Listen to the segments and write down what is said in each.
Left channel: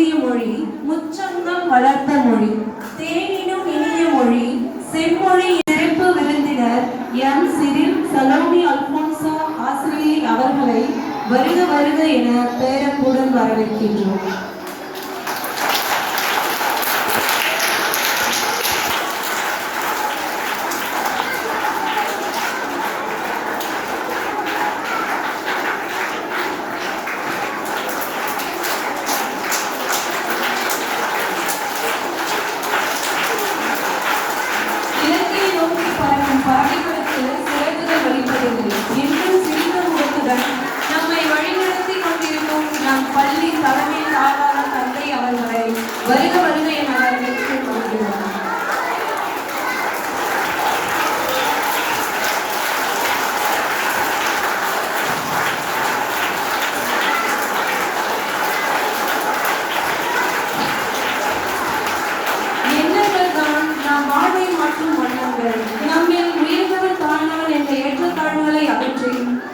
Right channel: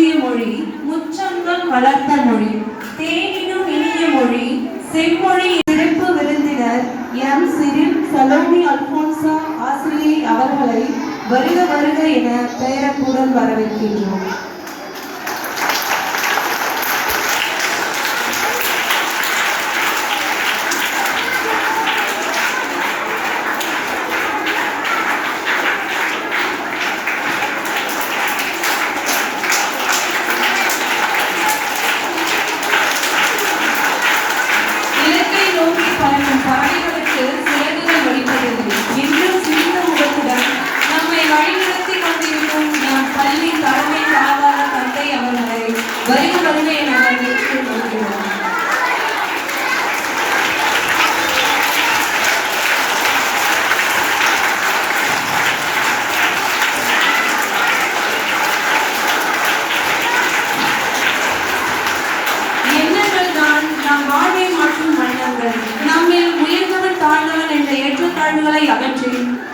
தோன்றிய மொழி, முச்சங்கம் வளர்த்த மொழி, தேனினும் இனிய மொழி, செம்மொழி. சிறப்பு விருந்தினர் எம். சிறில் சலோமி அல்போன்சா ஆசிரியை அவர்களை வருக வருக என பெயரன்புடன் வரவேற்கின்றோம்.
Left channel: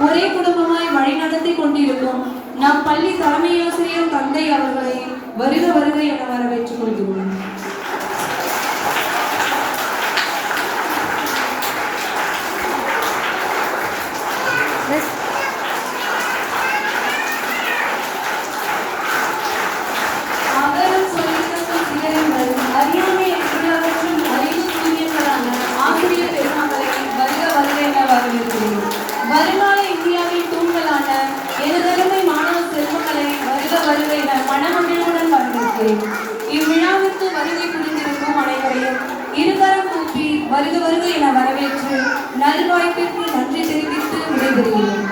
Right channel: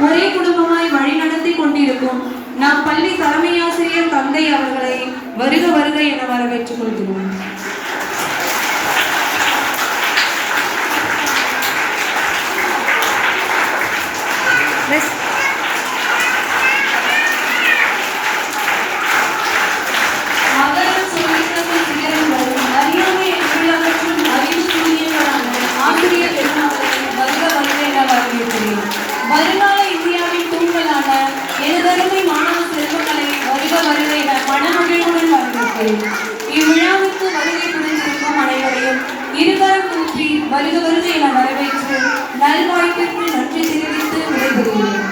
ஒரே குடும்பமாய் வழிநடத்தி கொண்டிருக்கும் நம் பள்ளி தலைமையாசிரியர் தந்தை அவர்களை வருக வருக என வரவேற்றுக் கொள்கிறோம். வருங்கால இந்தியாவின் தூண்களான எழுதருமை மாணவ செல்வங்களை வருக வருக என மனமகிழ்வுடன் வரவேற்கிறேன். இவ்விழாவிற்கு வருகை புரிந்திருக்கும் அனைவரையும் இருகரம் கூப்பி வருக வருக என வரவேற்று நல்வாய்ப்பிற்கு நன்றி தெரிவித்து விடைபெறுகிறேன்.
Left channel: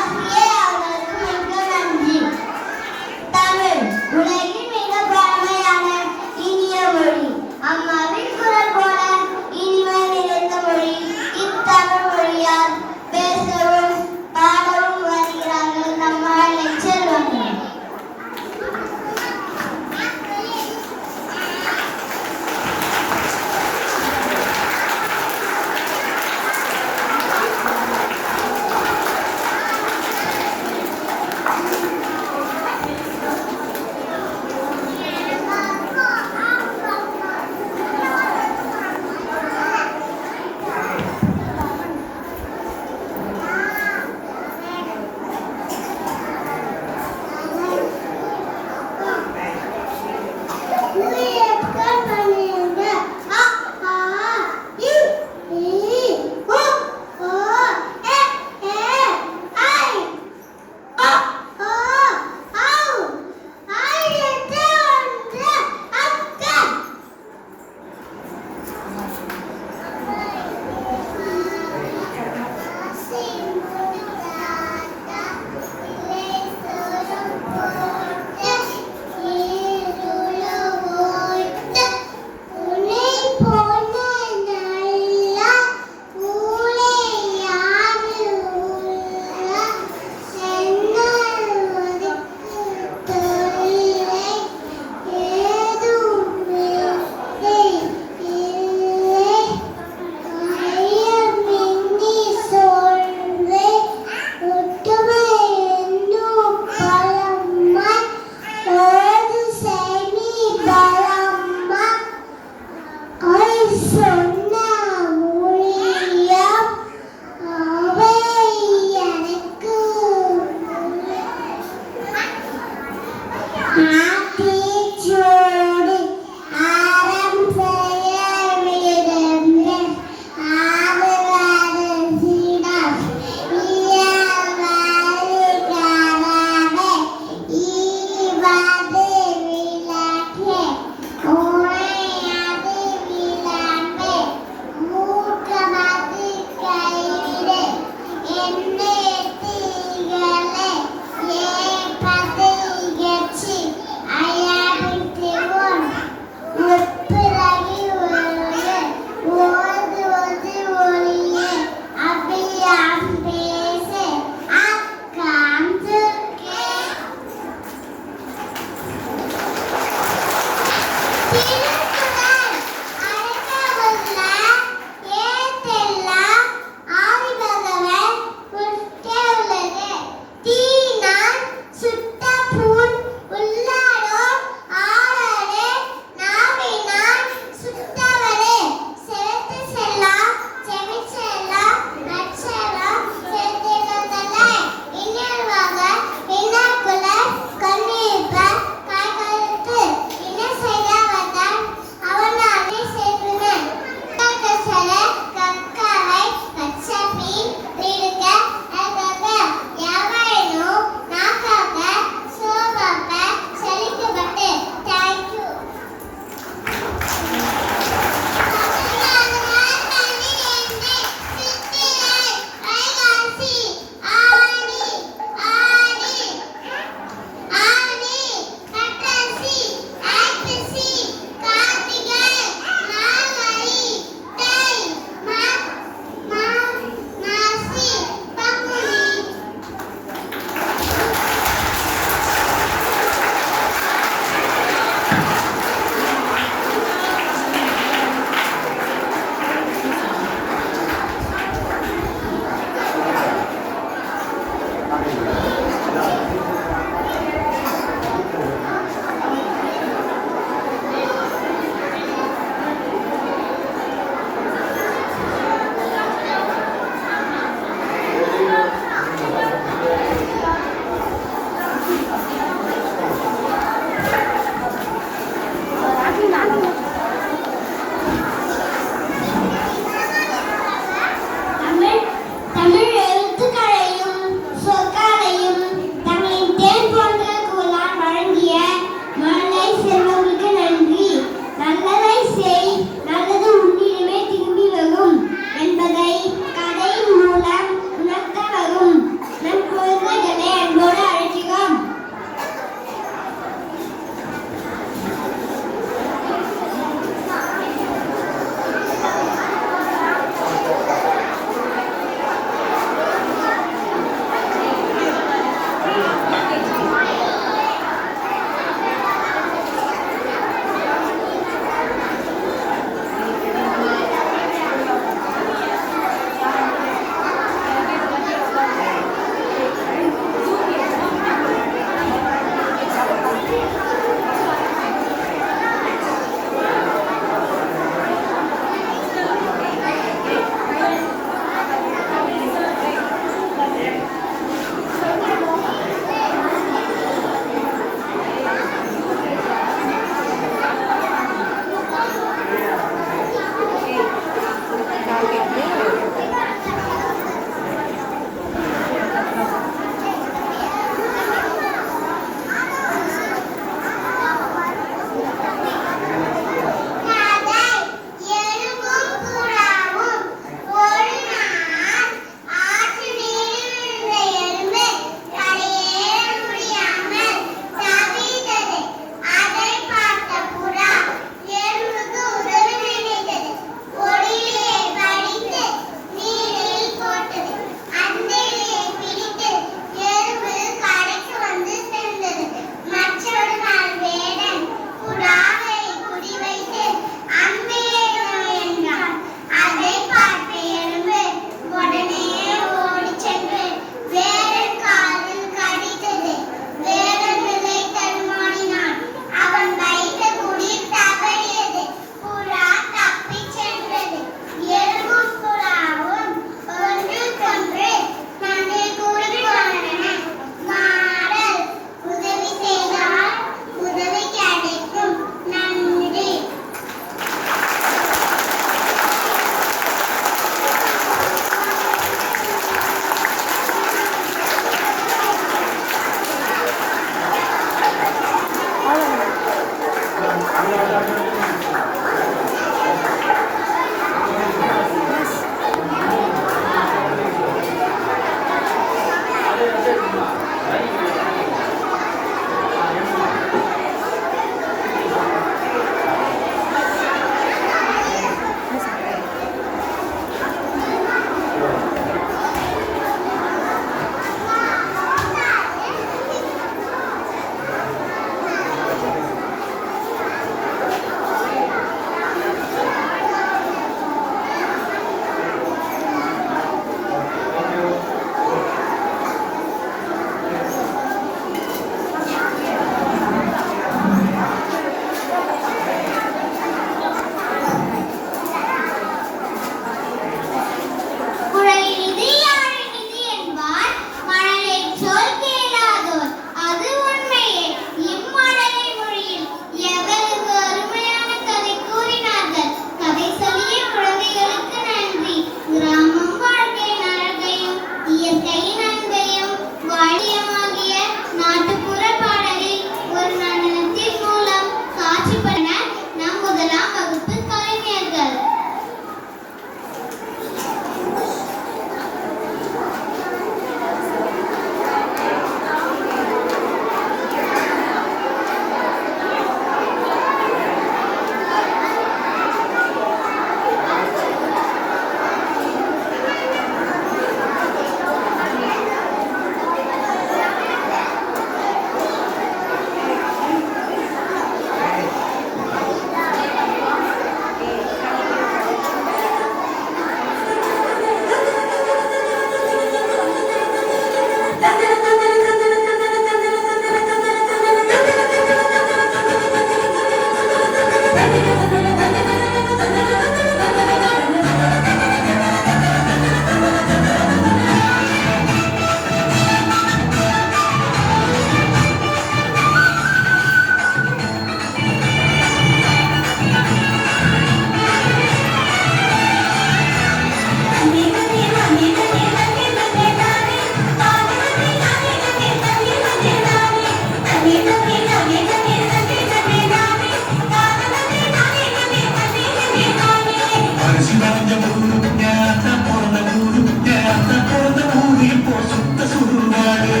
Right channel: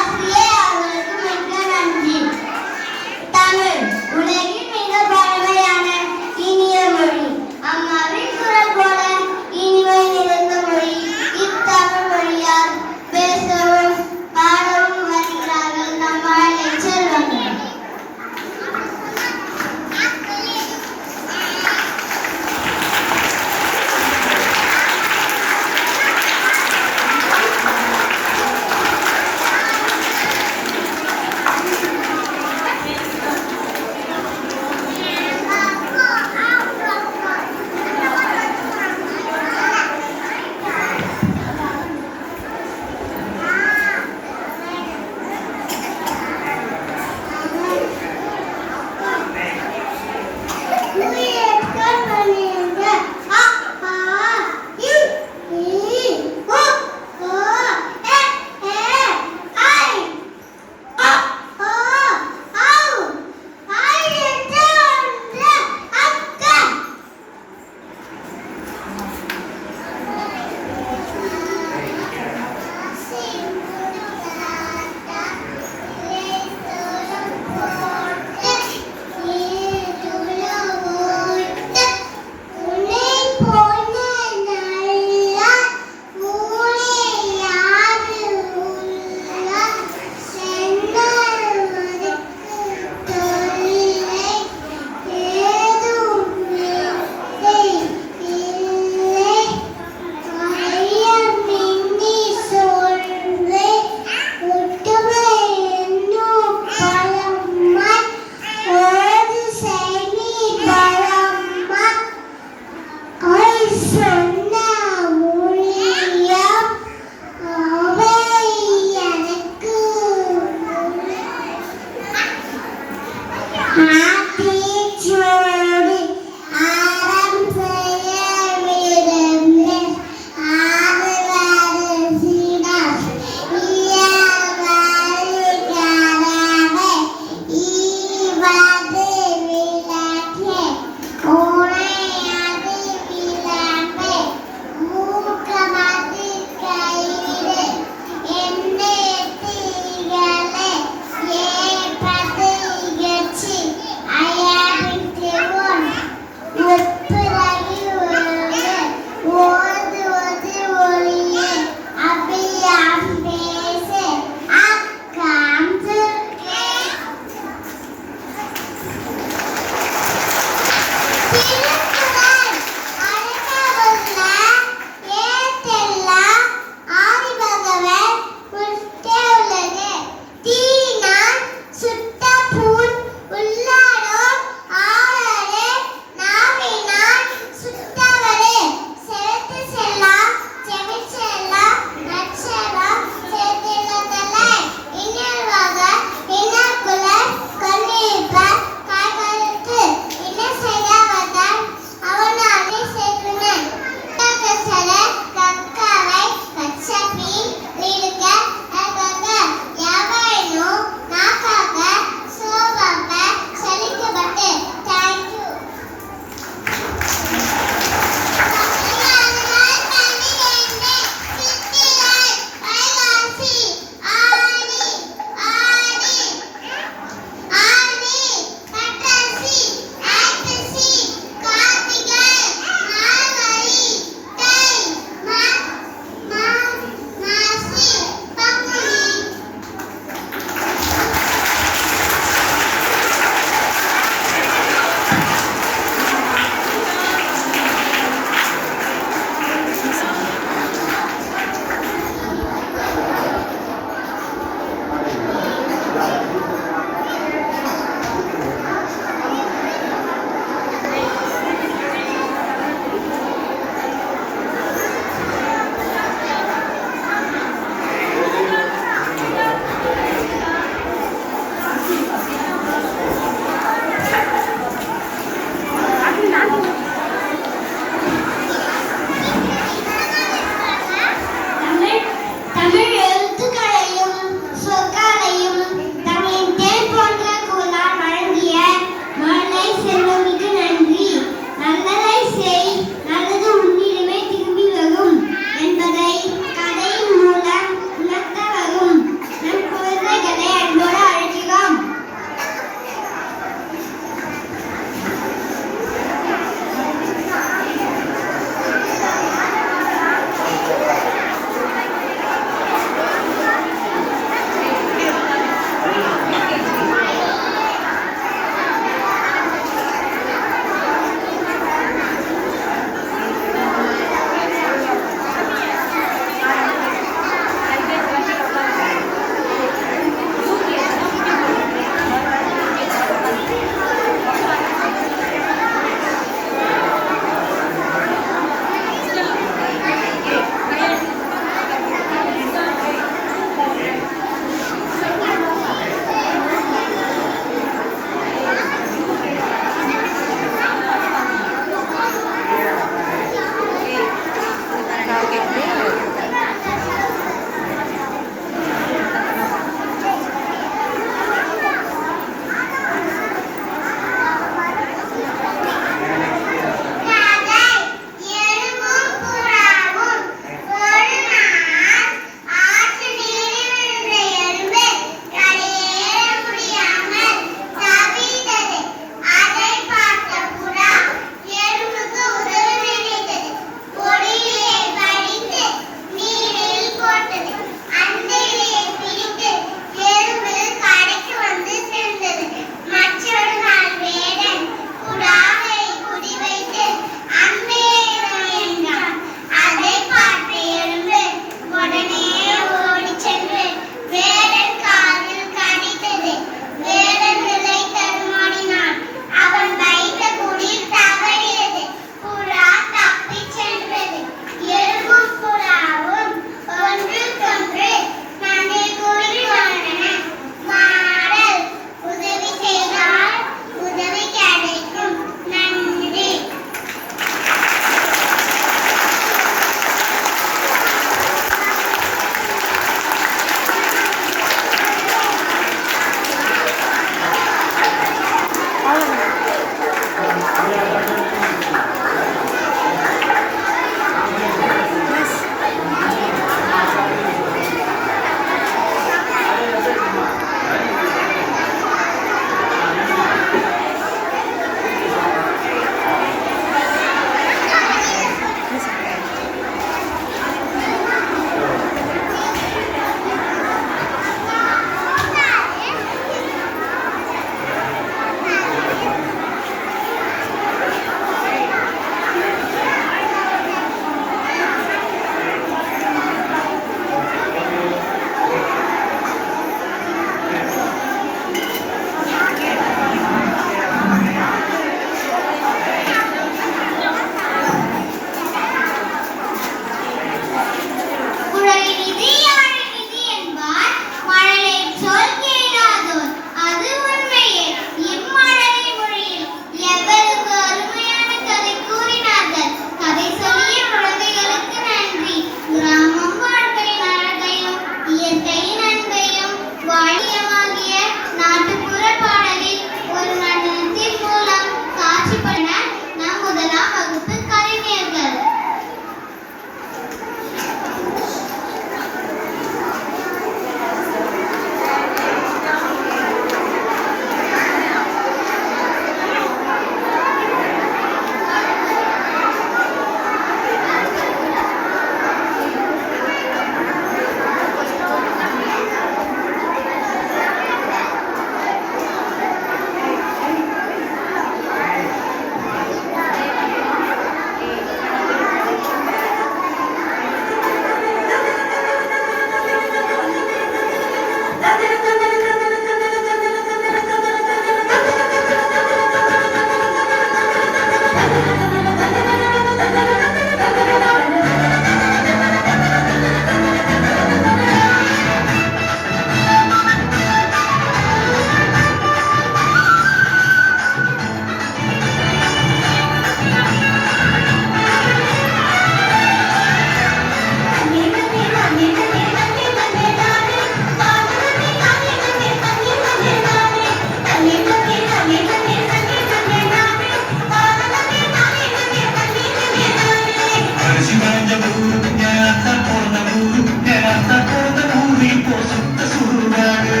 கொஞ்சம் ஊருங்க அத்தை பிறந்த ஊருங்க அத்தை பிறந்த ஊரு இப்போ சுத்த சுடுகாடு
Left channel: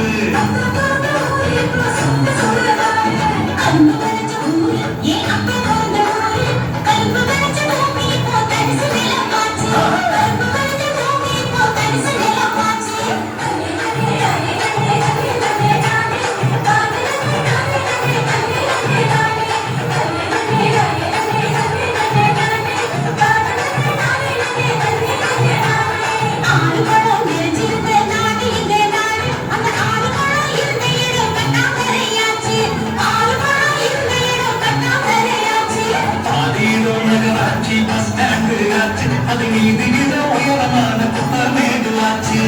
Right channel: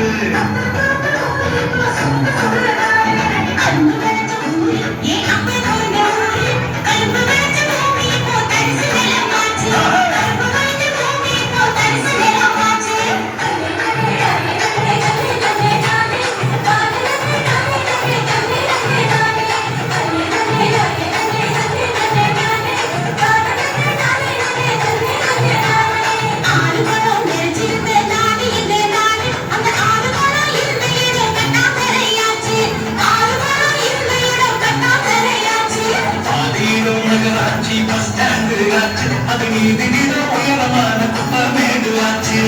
நகராட்சி பஸ் ஸ்டாண்டு ஆச்சு அது நீதிகிற உயரமான குப்பமேடு ஆச்சு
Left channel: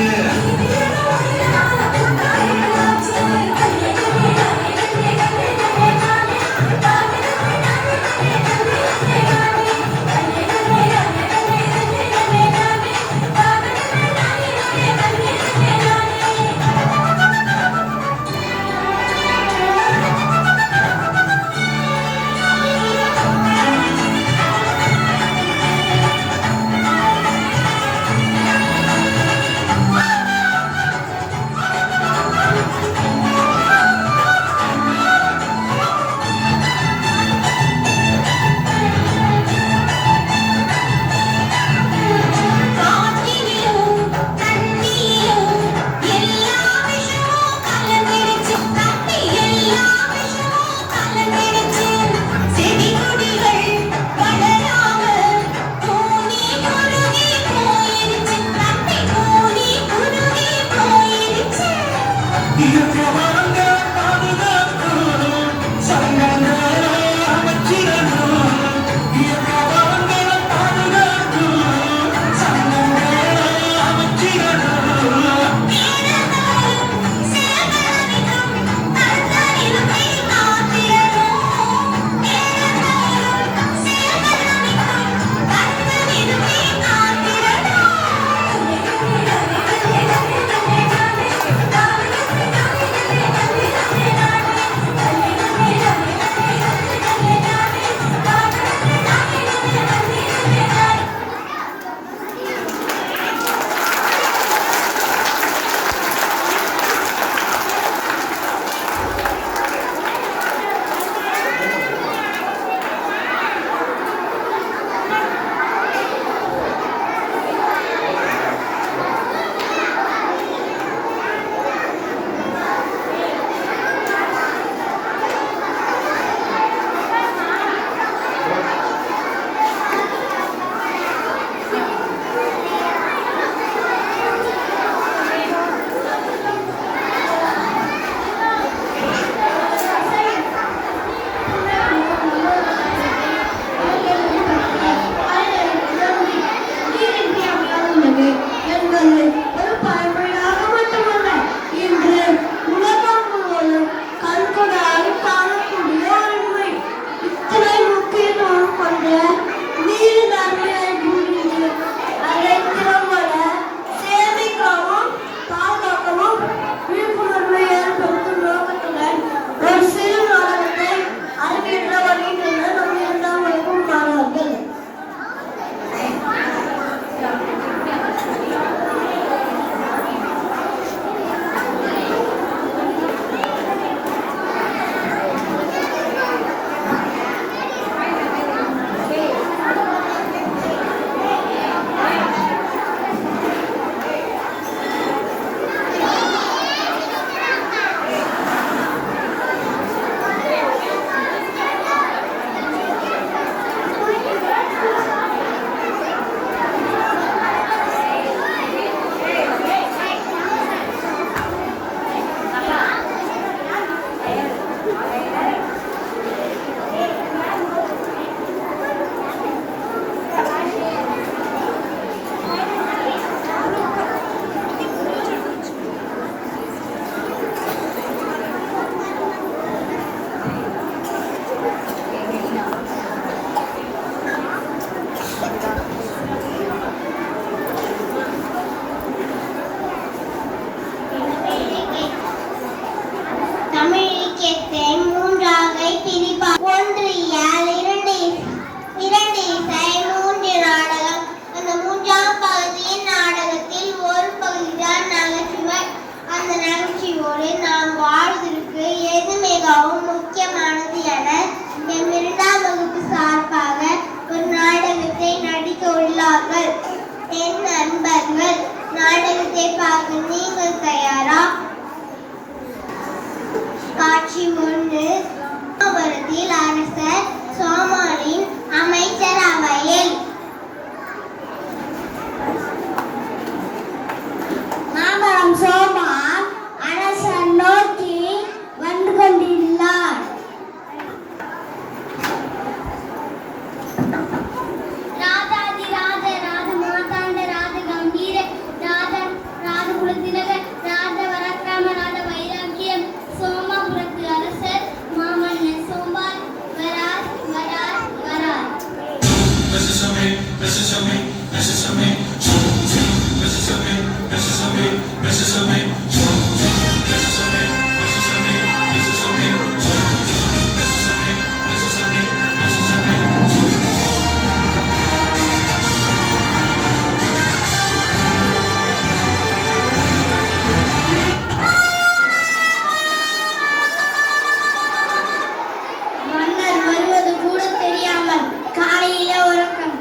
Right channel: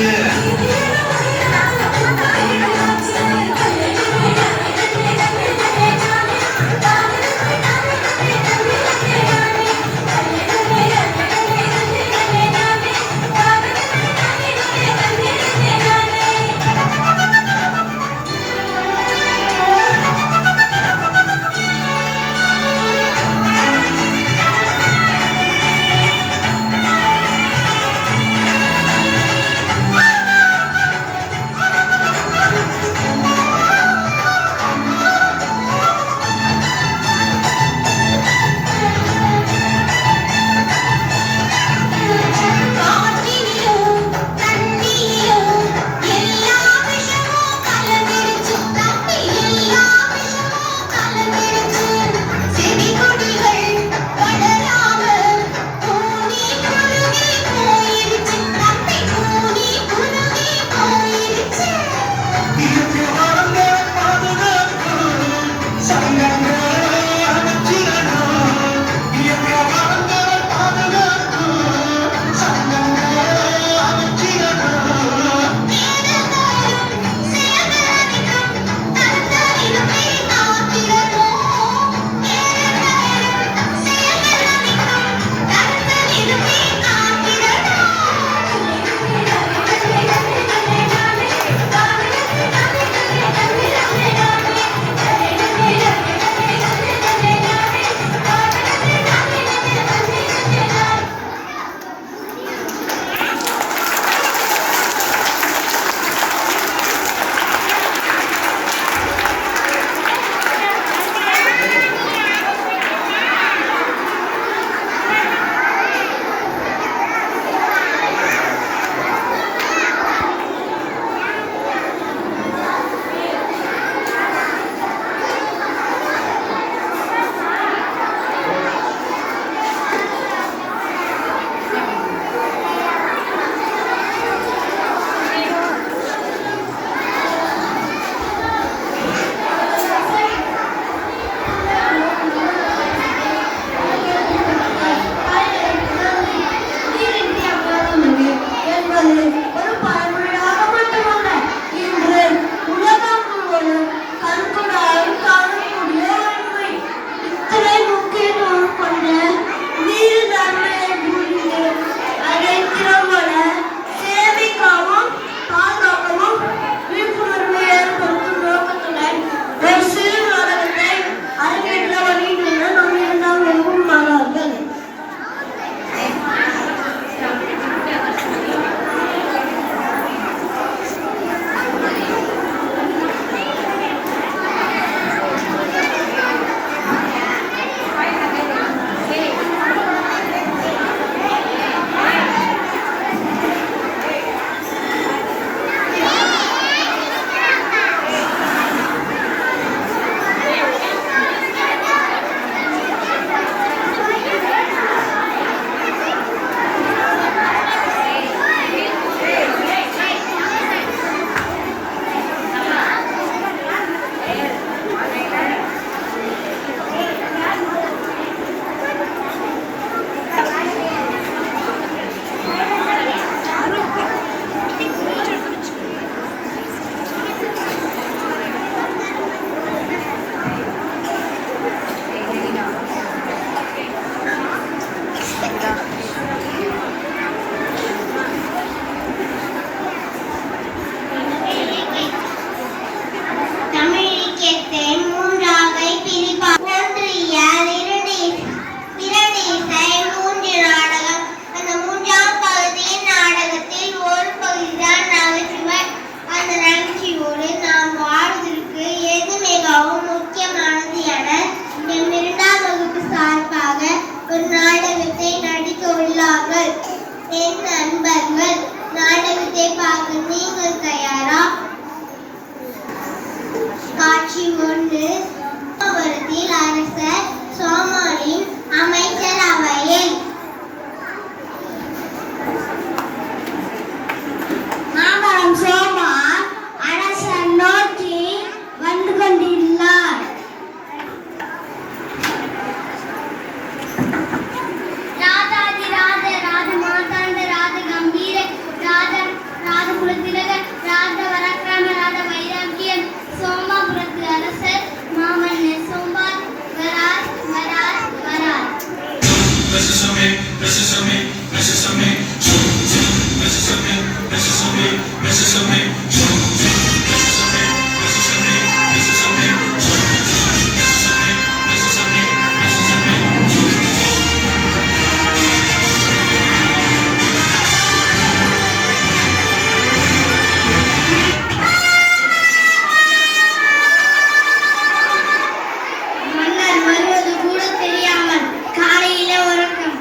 மன்னர் வருவது கூட தெரியாமல் காலையில உறக்கம்.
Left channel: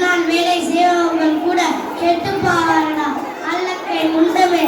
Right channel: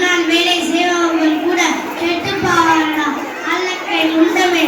நான் வேலை செய்பவர்கள் கூட கெட்டு போவார்களா? அல்லக்கை முண்டமே,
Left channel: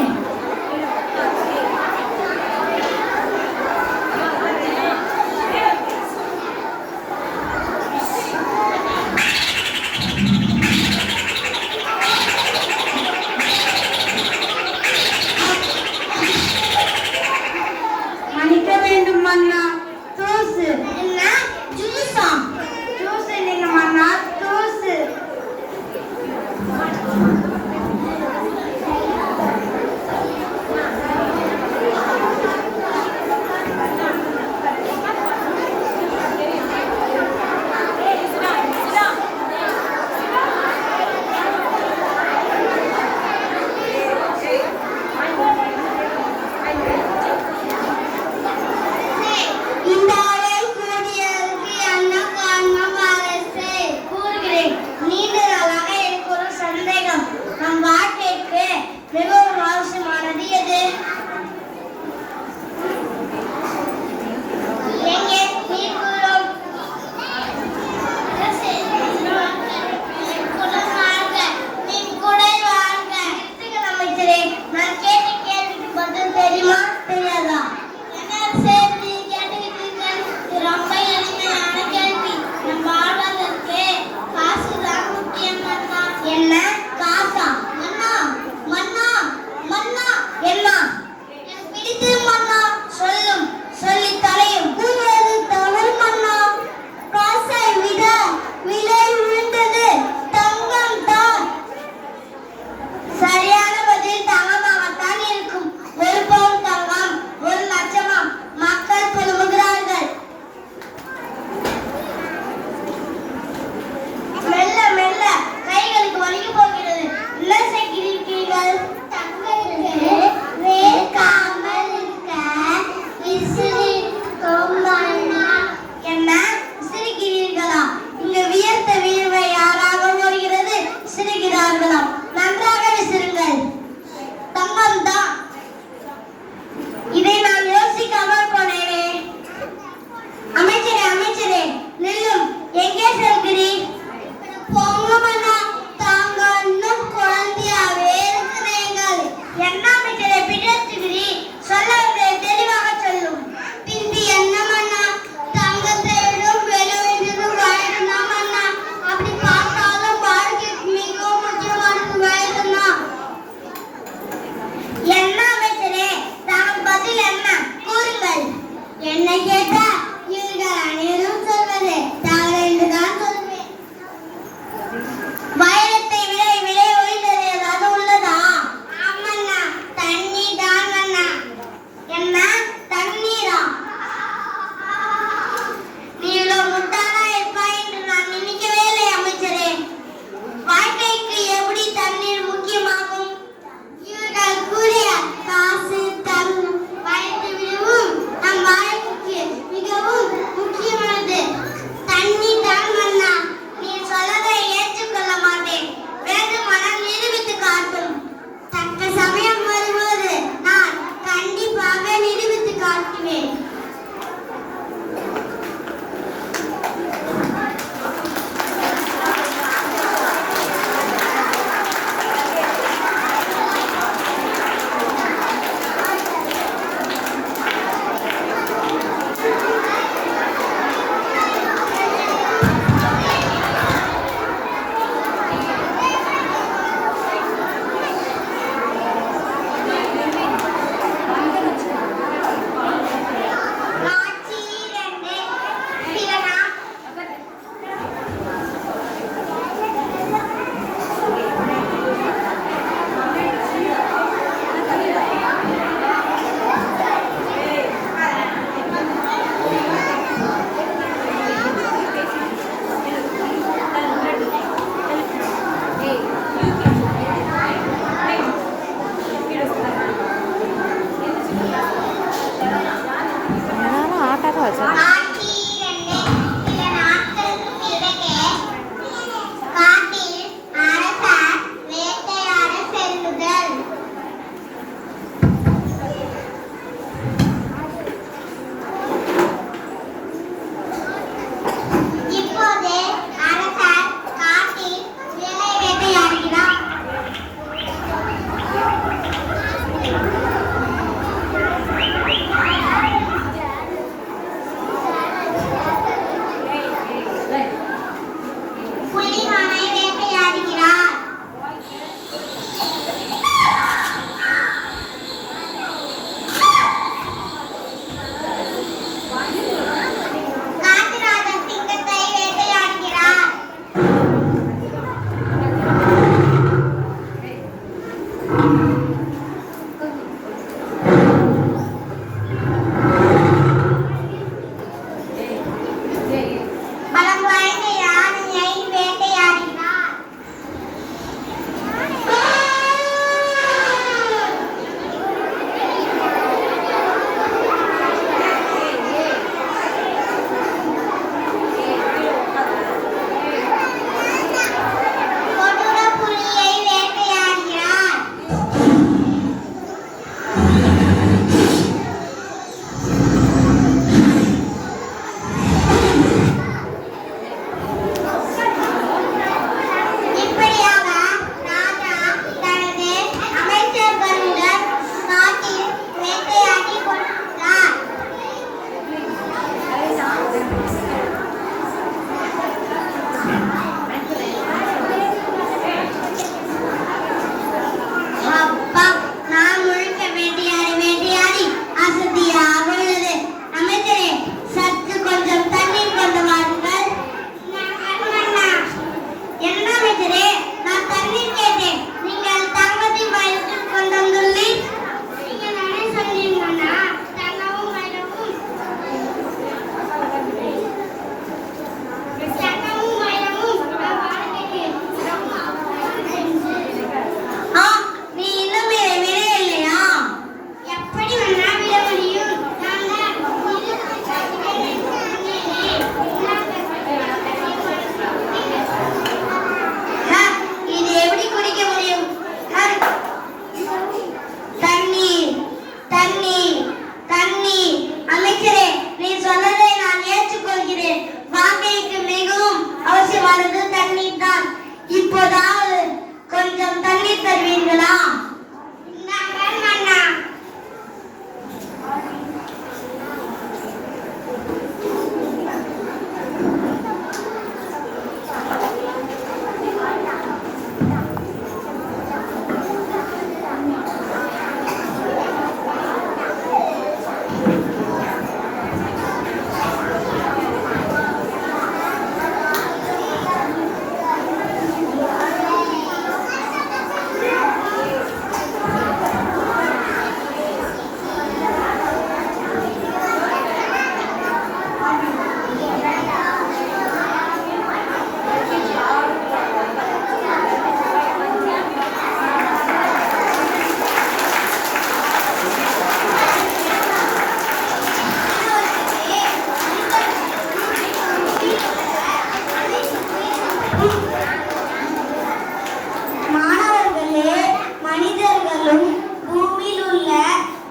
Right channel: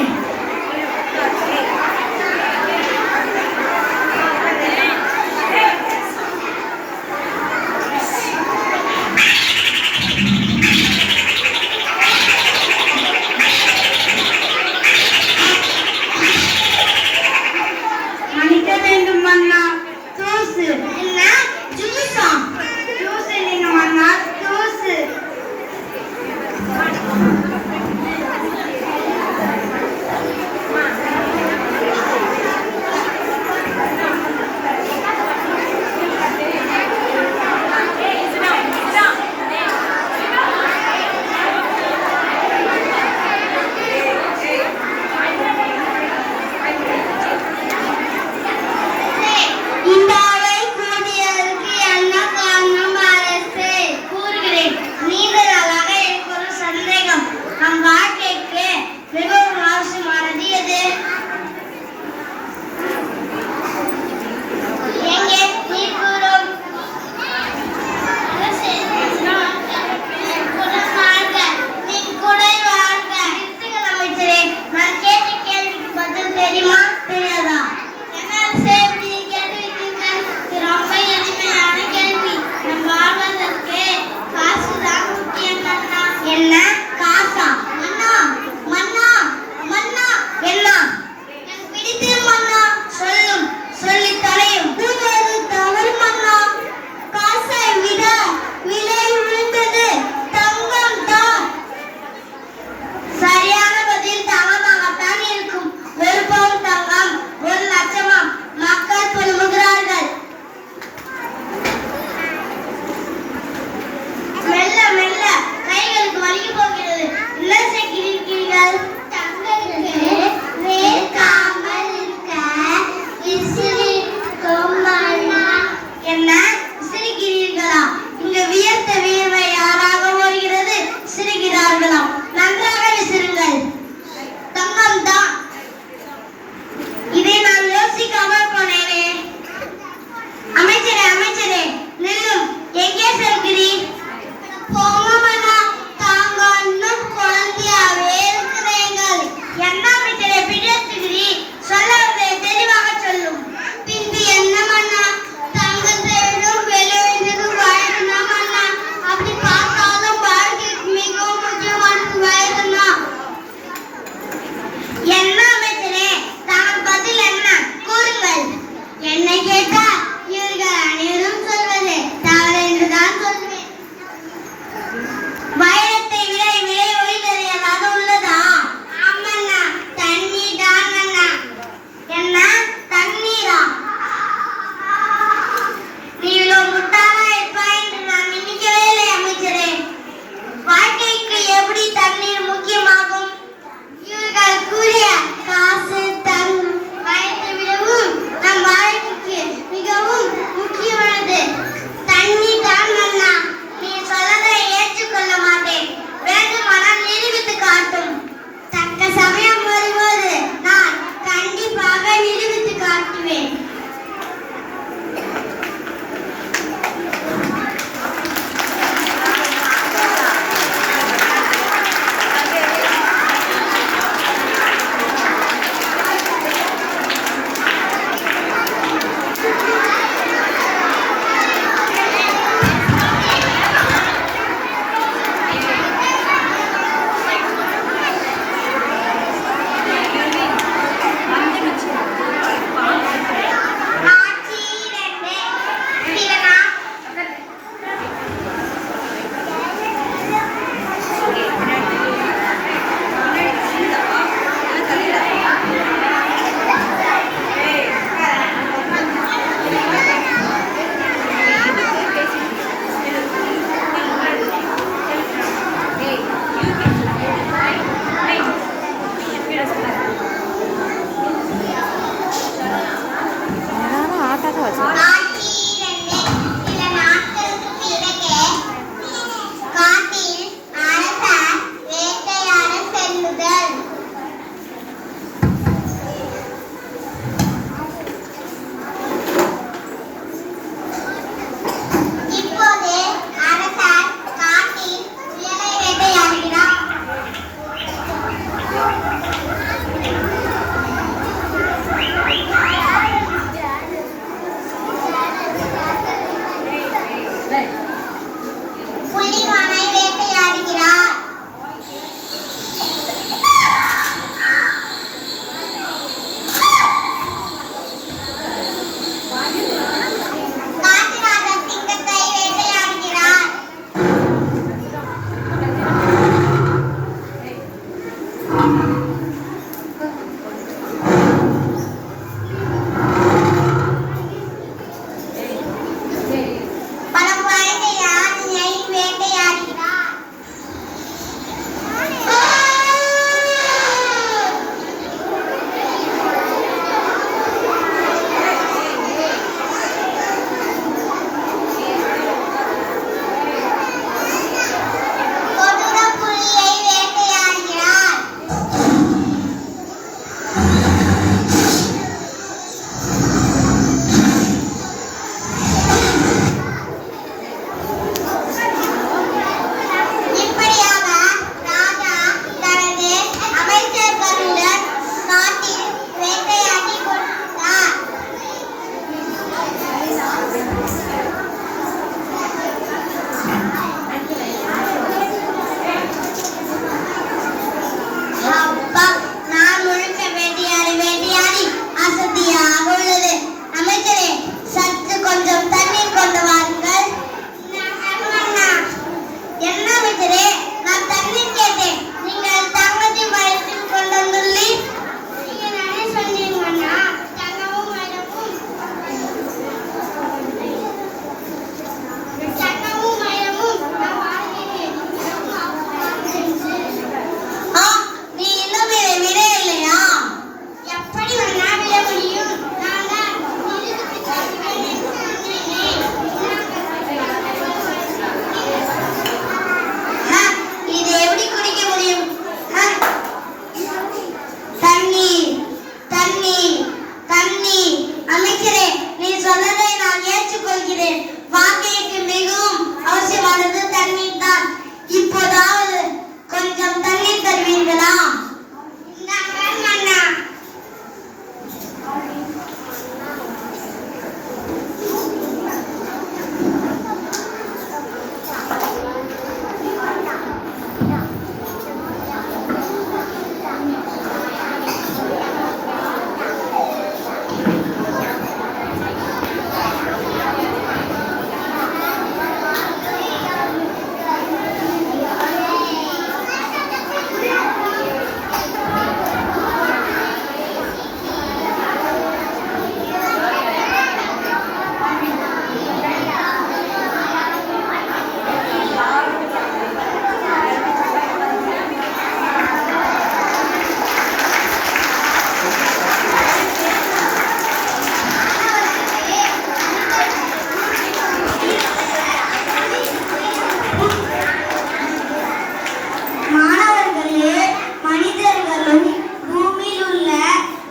மாணவர்களே, மனிதர்களும் பூமியில் உள்ள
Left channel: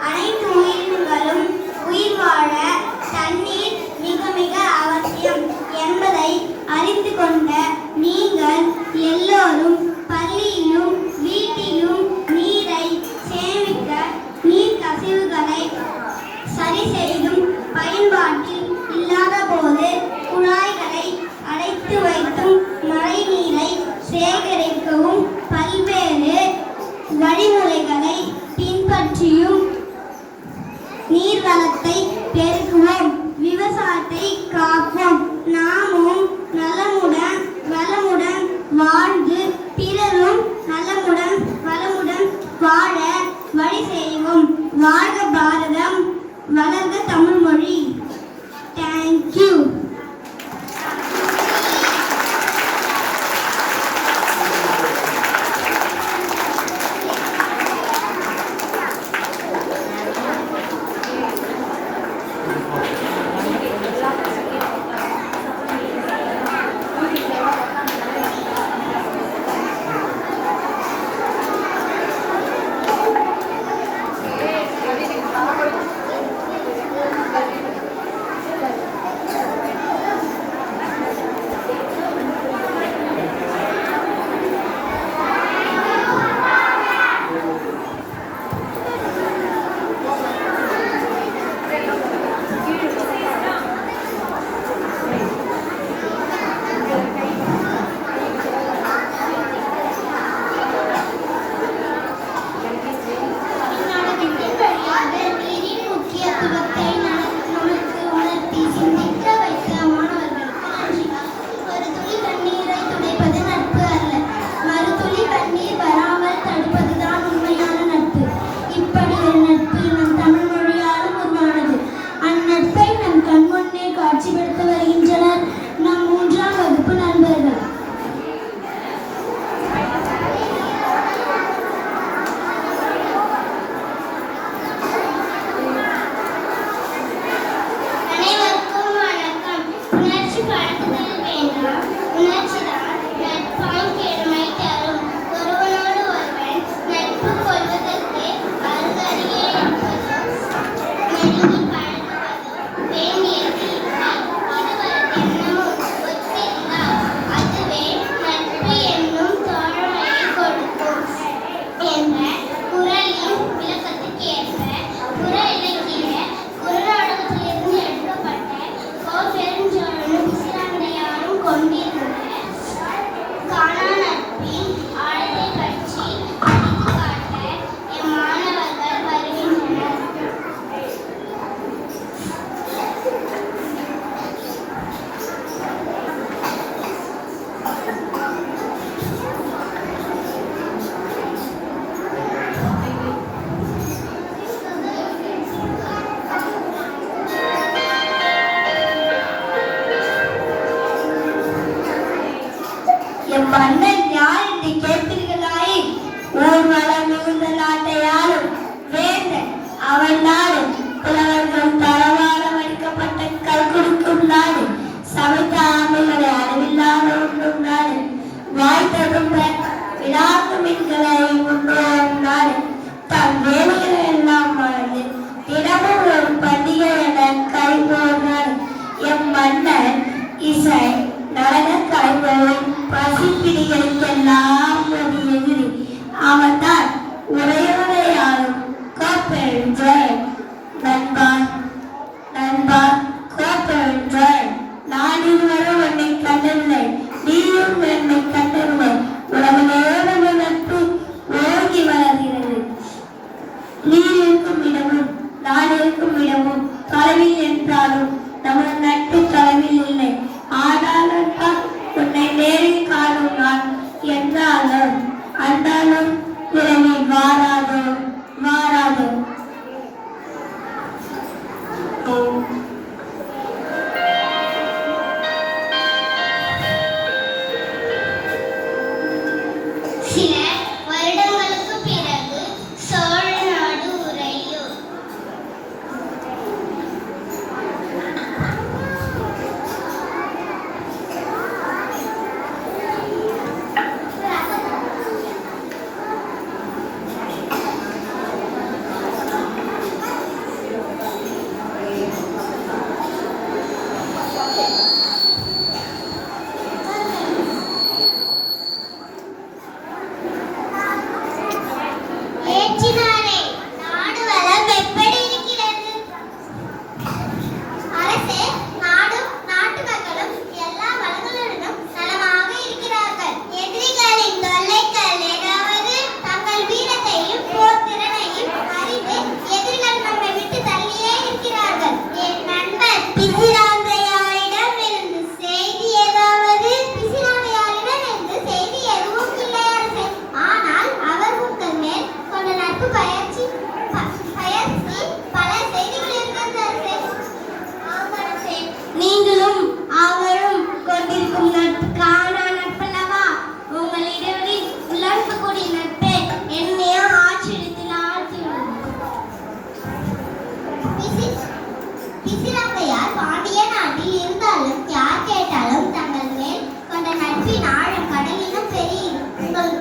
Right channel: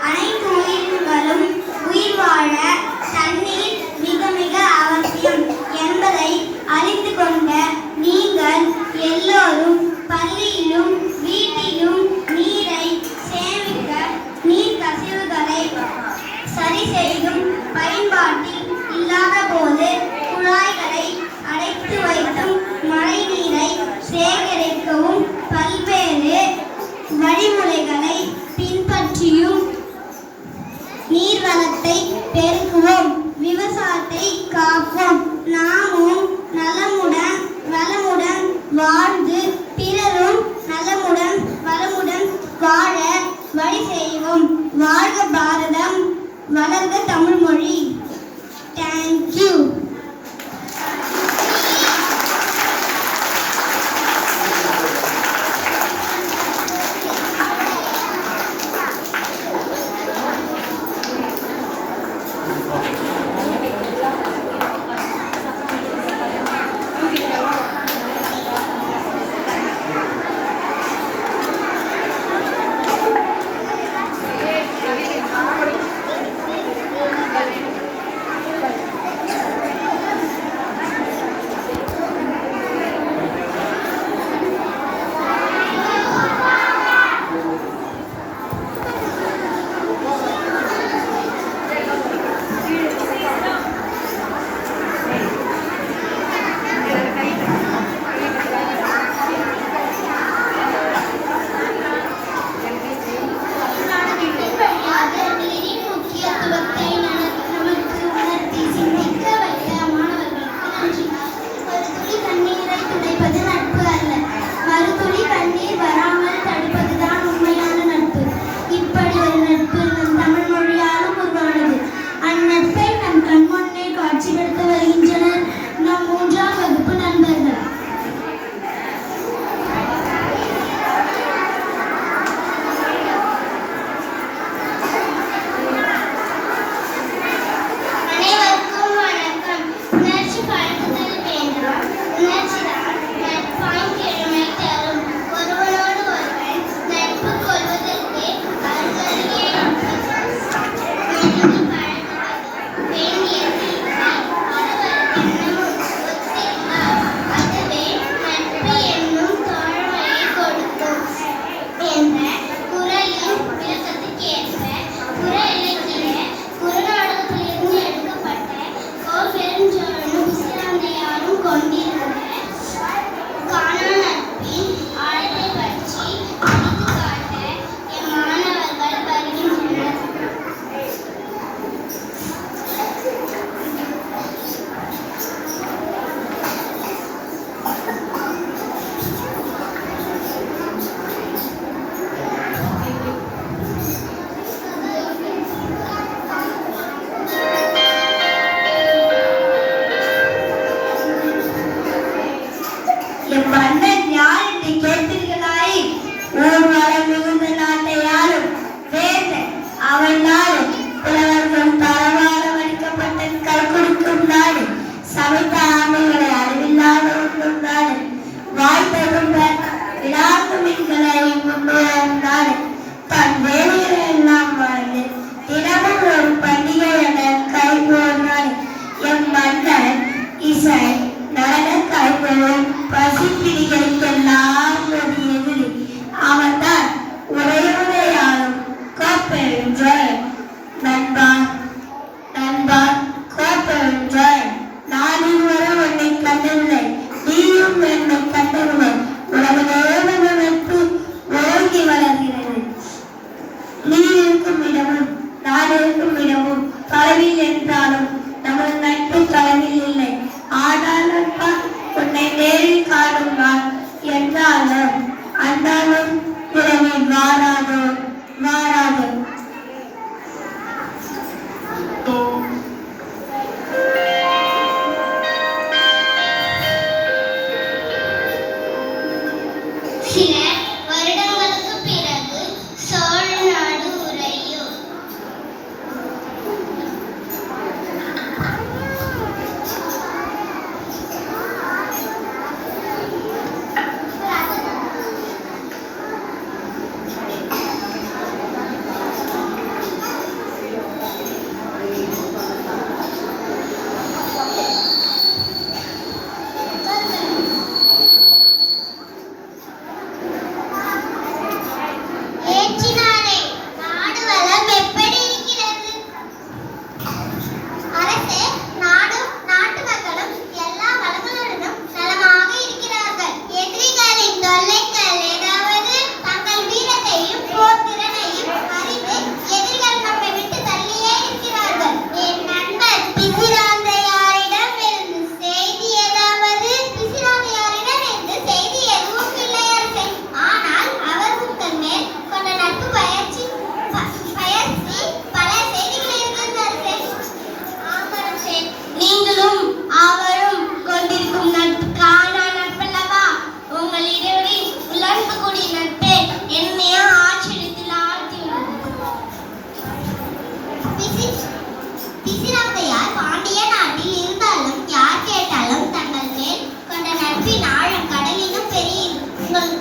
அனைத்து உயிர்களும் உயிர் வாழ தண்ணீர் மிக மிக அவசியம் என்பதை அறிந்து கொண்ட நீங்கள் எல்லோரும் பள்ளியிலும் வீட்டிலும் நீரை சேமிக்க நீர் கசிவுகளை சரி செய்தும் பயன்பாட்டில் இல்லாத போது குழாய்களை அடைத்து வைத்தும் மழை நீரை சேகரிக்கவும் பல்வேறு வழிமுறைகளை பின்பற்றியும் நீர் வளத்தை பெருக்குவோம், விவசாயத்தை காப்போம். நாமும் நலமுடன் வளமுடன் வாழ்ந்து பிறரும் நலமுடன் வளமுடன் வாழ வழி செய்வோம். வாழ்க பாரதம், வளர்க தமிழ் மொழி. தேங்க்யூ. நட்பின் ஆழம் கடலினும் பெரியது. உங்கள்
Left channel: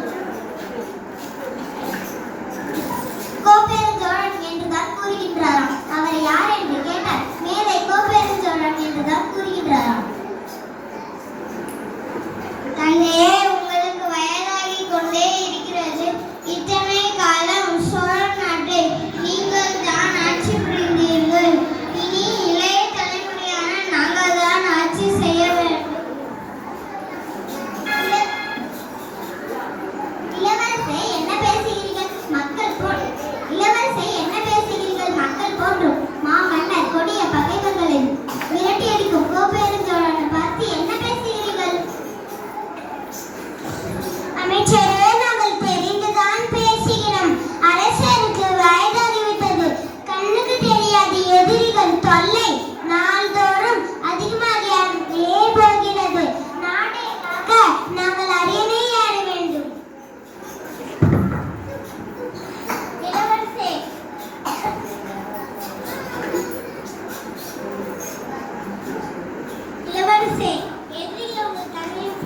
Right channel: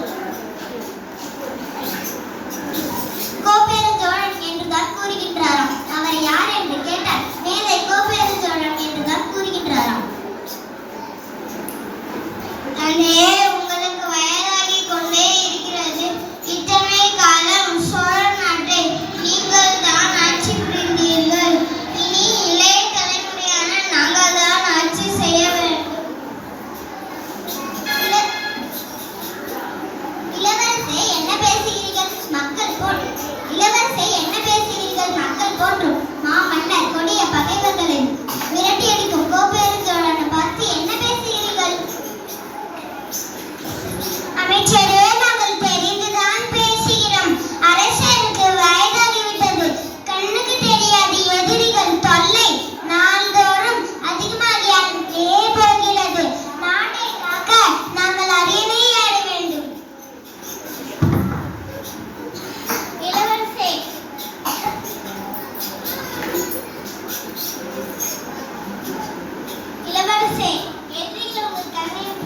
கோப்பெருஞ்சோழன் என்றுதான் கூறுகின்றாராம். அவர் யார் என்று கேட்டால் மேலே கோப்பெருஞ்சோழன் என்றுதான் கூறுகின்றாராம். தந்தையே, உங்களுக்கு வயதாகிக் கொண்டே இருக்கிறது. இத்தனை காலம் சோழ நாட்டை நீங்கள் தான் ஆட்சி புரிந்தீர்கள். இனி இளைய தலைமுறையான நாங்கள் தான் ஆட்சி செய்ய வேண்டும். இளவரசே, என்ன பேசுகிறீர்கள்? மக்கள் போற்றும். இளவரசே, என்ன பேசுகிறீர்கள்? மக்கள் போற்றும். மாமன்னர் கொடிய பகைவர்களை விரட்டி அடிக்கும் கோப்பெருஞ்சோழனை பார்த்து என்ன பேசுகிறீர்கள்? அமைச்சரே, நாங்கள் தெரிந்துதான் பேசுகிறோம். அரசருக்கு வயதாகிவிட்டது. கண்ணுக்கு தெரியாது எதிரிகள் தொல்லை நாள்தோறும் அதிகமாகியே போகிறது. நாட்டை காக்க நாங்கள் அரியணை ஏற வேண்டும். இளவரசே, இளவரசே, எதிரிகள் உங்கள் கண்ணின்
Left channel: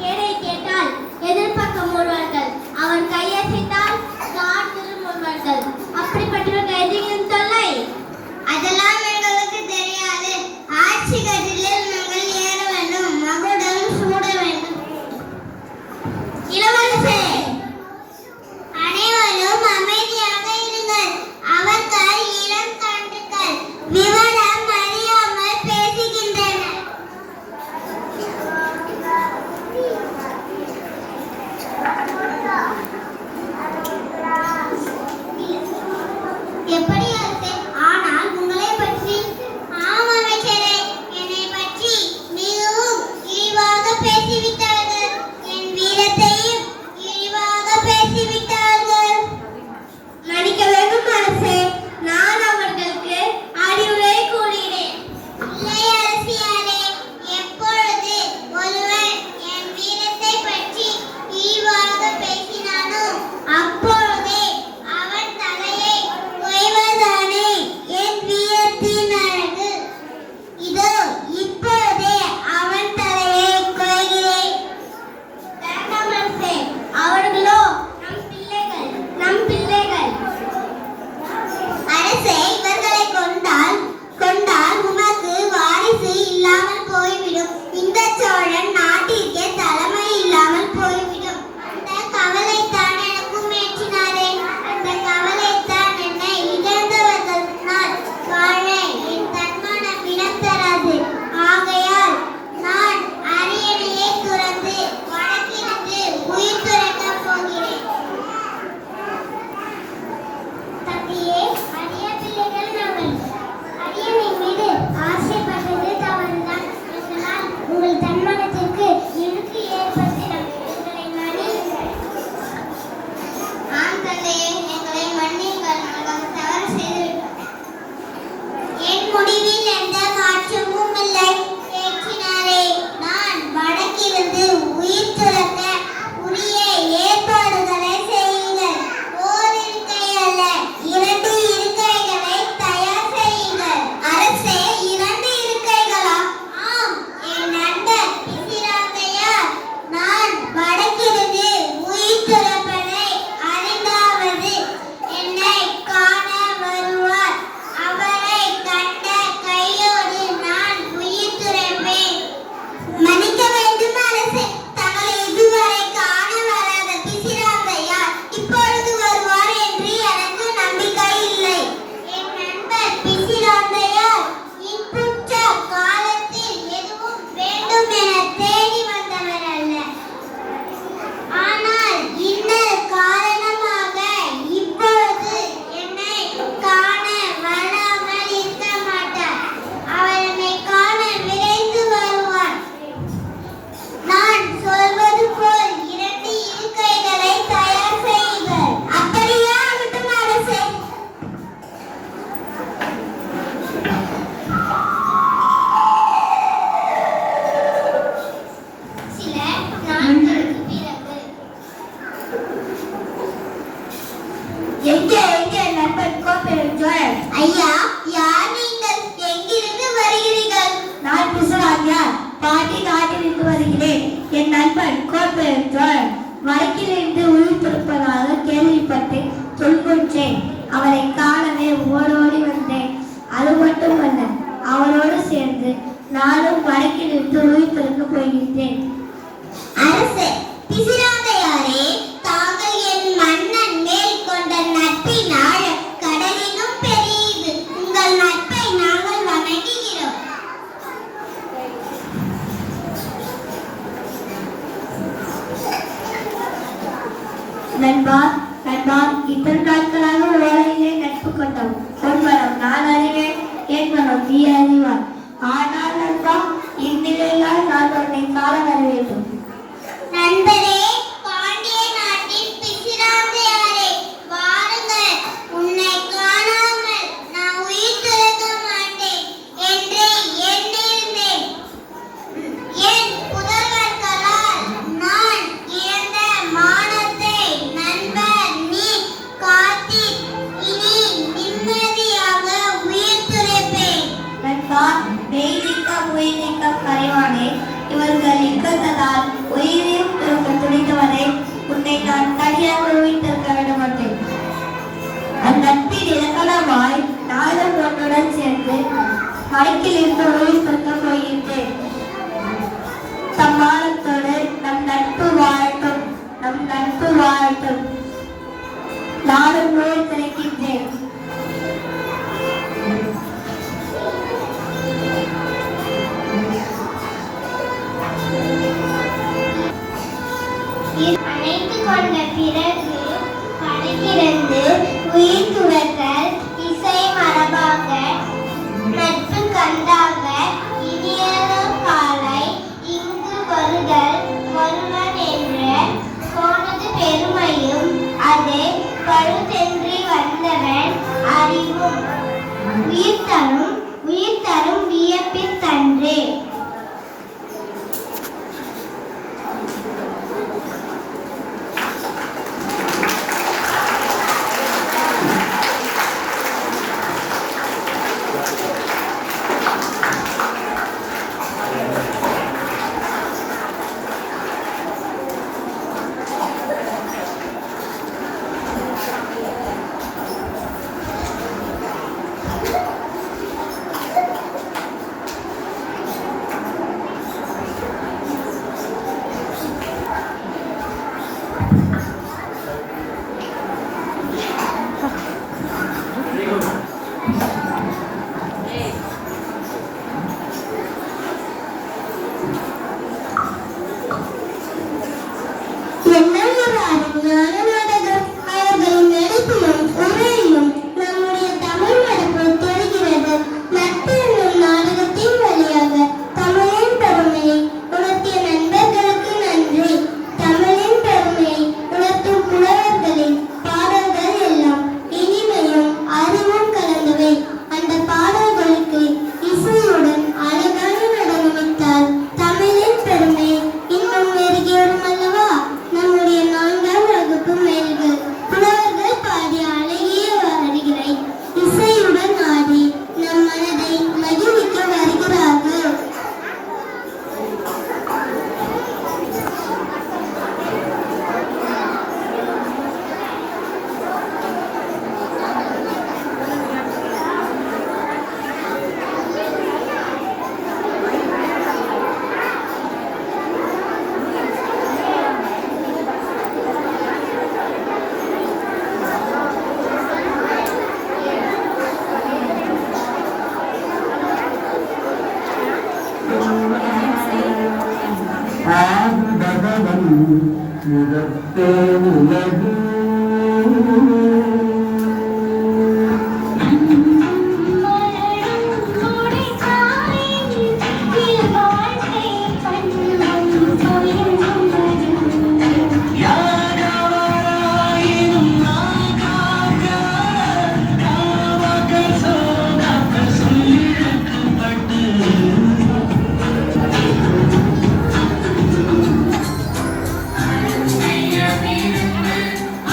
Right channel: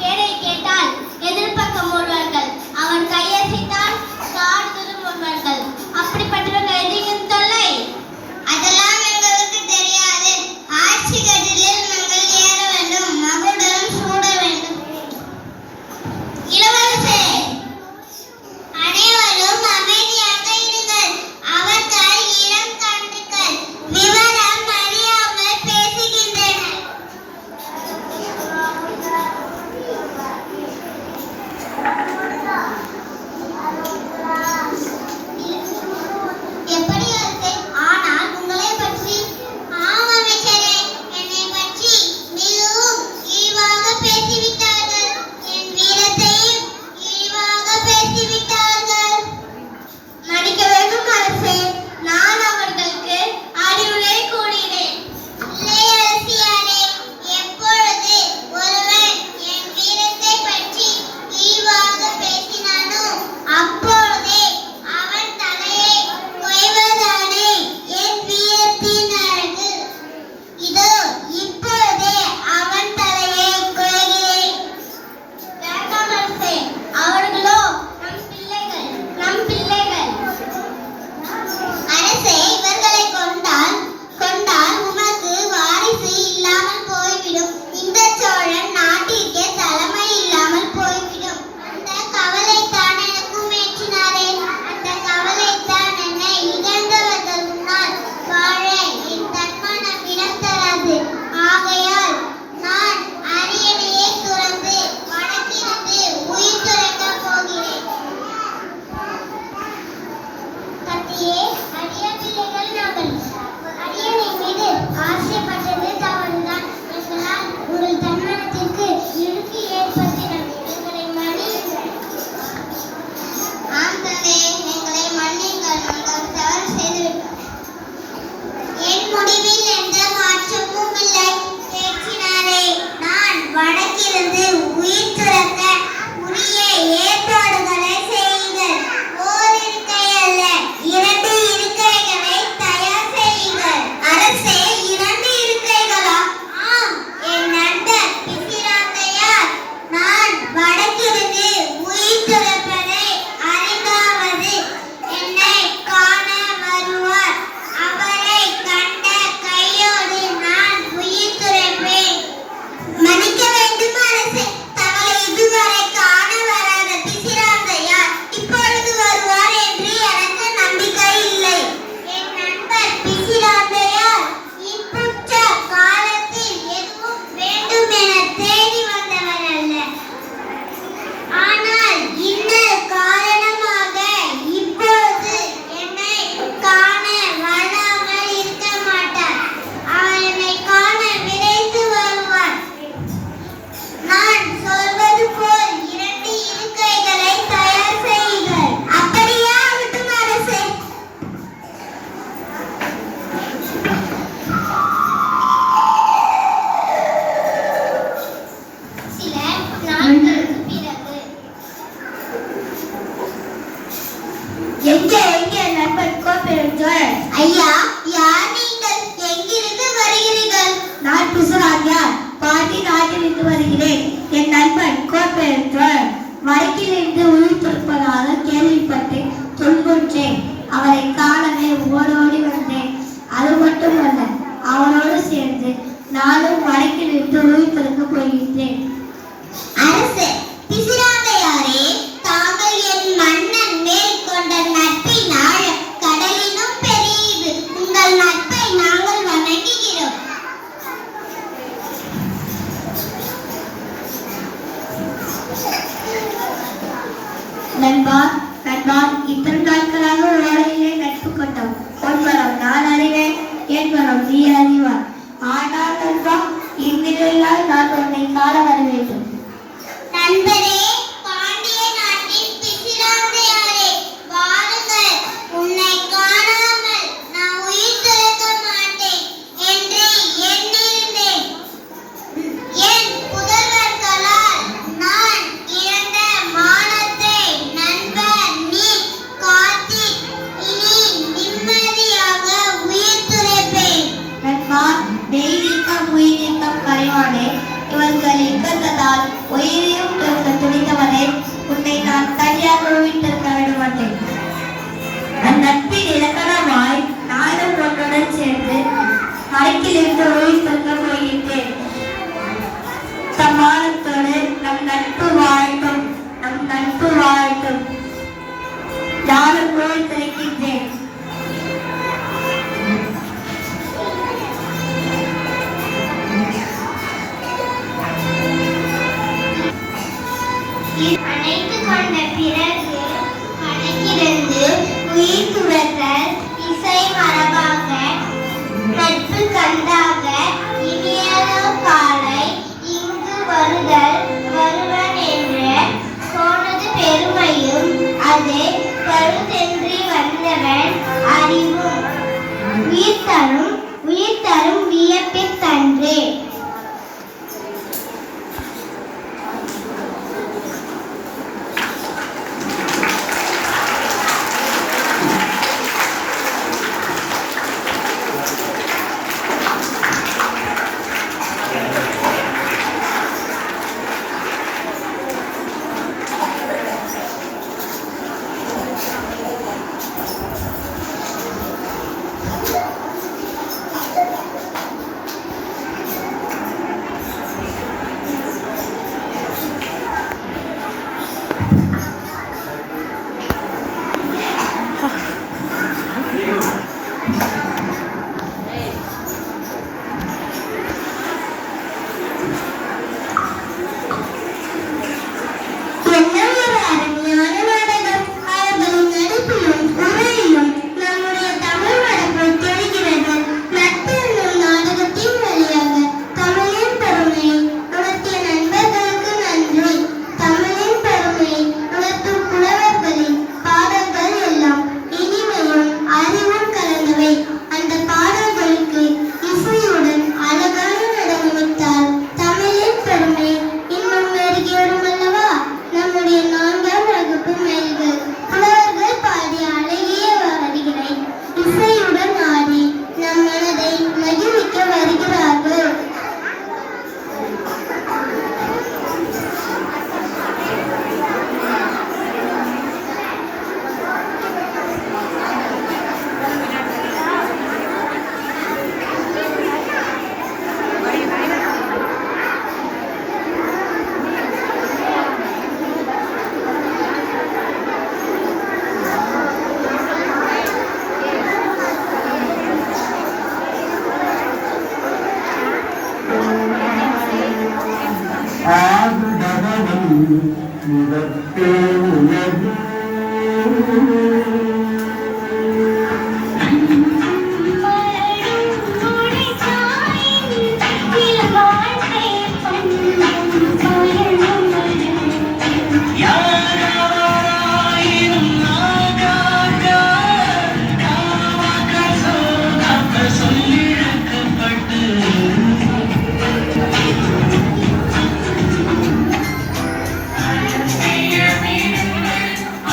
பேரை கேட்டால் எதிர்பக்கம் ஓடுவார்கள். அவர் கையசைத்தால் காடு திரும்புவார்கள். அப்படிப்பட்டவர்கள் எதிரிகளின் தொல்லை அதெல்லாம் எங்களுக்கு தெரியாது. ஆட்சி கட்டிலில் நாங்கள் ஏற வேண்டும். மகுடம் சூட வேண்டும். இளவரசே, அனைவரும் அமைதியாக இருங்கள். அவர்கள் இளம் கன்றுகள் விவரம் அறியாமல் பேசுகின்றனர். எப்படி அரசே? ஆனால் உங்களை பற்றி? ஆம் அமைச்சரே, என்னை பற்றி மிகவும் இழிவாக பேசிவிட்டார்கள். என் வீரத்தையும் இழிவாக பேசிவிட்டார்கள். மன்னிக்க வேண்டும் அரசே, நான் அவர்களுக்கு அறிவுரை கூறினேன். இல்லை அரசியாரே, எப்பொழுது ஒருவன் என் வீரத்தை பற்றி இழிவாக பேசினானோ அப்பொழுதே அவன் தலையை கொய்வதானே என் வீரத்தின் அழகு. இதோ இப்பொழுதே அவன் தலையை கொய்கிறேன். வருகிறேன். என் நண்பன் கோப்பெயர் வடக்கிலிருந்து உயிர் கொடுப்பதாக கேள்விப்பட்டு துன்புற்றேன். அவரை காணவே ஓடோடி வந்தேன். அது மட்டுமல்ல, அவரோடு சேர்ந்து நானும் வடக்கிலிருந்து உயிர் கொடுக்க போகின்றேன். அரசே, பிசிராந்தையாரே, தாங்கள் என் மன்னன் மேல் கொண்ட நட்பின் ஆழம் கடலினும் பெரியது. உங்கள் நட்பை நாங்கள் வணங்குகிறோம். நண்பா, இத்தனை நாட்களாக ஓலையிலே நட்பு கொண்டோம். உன்மனம் நான் அறிவேன், என் மனம் நீ அறிவார். ஆனால் நண்பா, இந்நிலையால் நான் உன்னை காண வர வேண்டும். நண்பரே, பாண்டிய நாட்டின் பிசிராந்தையாரே, வாருங்கள். உன்னை காணாமல் நான் உயிர் திறக்க மாட்டேன் என்று எண்ணியிருந்தேன். என் புதல்வர்களால் நான் இழந்த மானத்தை நண்பர் நீ காத்தி இனி நிம்மதியாக உயிர் துறப்பேன். நண்பா, தெய்வீகம் உயிரிக்கம் கரைவானே, இவர்கள் இக்கத்தால் உயிரையும் துணித்தவனே, உன்னை நான் தனியாக உயிர் திறக்க விட மாட்டேன். அந்நட்பின் இலக்கணமாய் நானும் உன்னுடன் சேர்ந்து வடக்கிலிருந்து உயிர் திறக்க போகின்றேன். சம்மானத்தோடு நம் நட்பு வாழட்டும், நம் நட்பு வாழட்டும். நானும் உயிர் திறக்கின்றேன். அணைத்து கொண்ட பிறகு கணக்கிலிருந்து உயிர் துறத்தல் இசை மரபாக நட்பு கண்டாக இனியனோ காலை இங்கு வருதல் வருவன் என்று போனது பெருமையும் அதே பழுதென்றி வந்தவன் அறிவும் உயிர் தரும் வியப்பிற்கன்றே. முகத்தே உலகு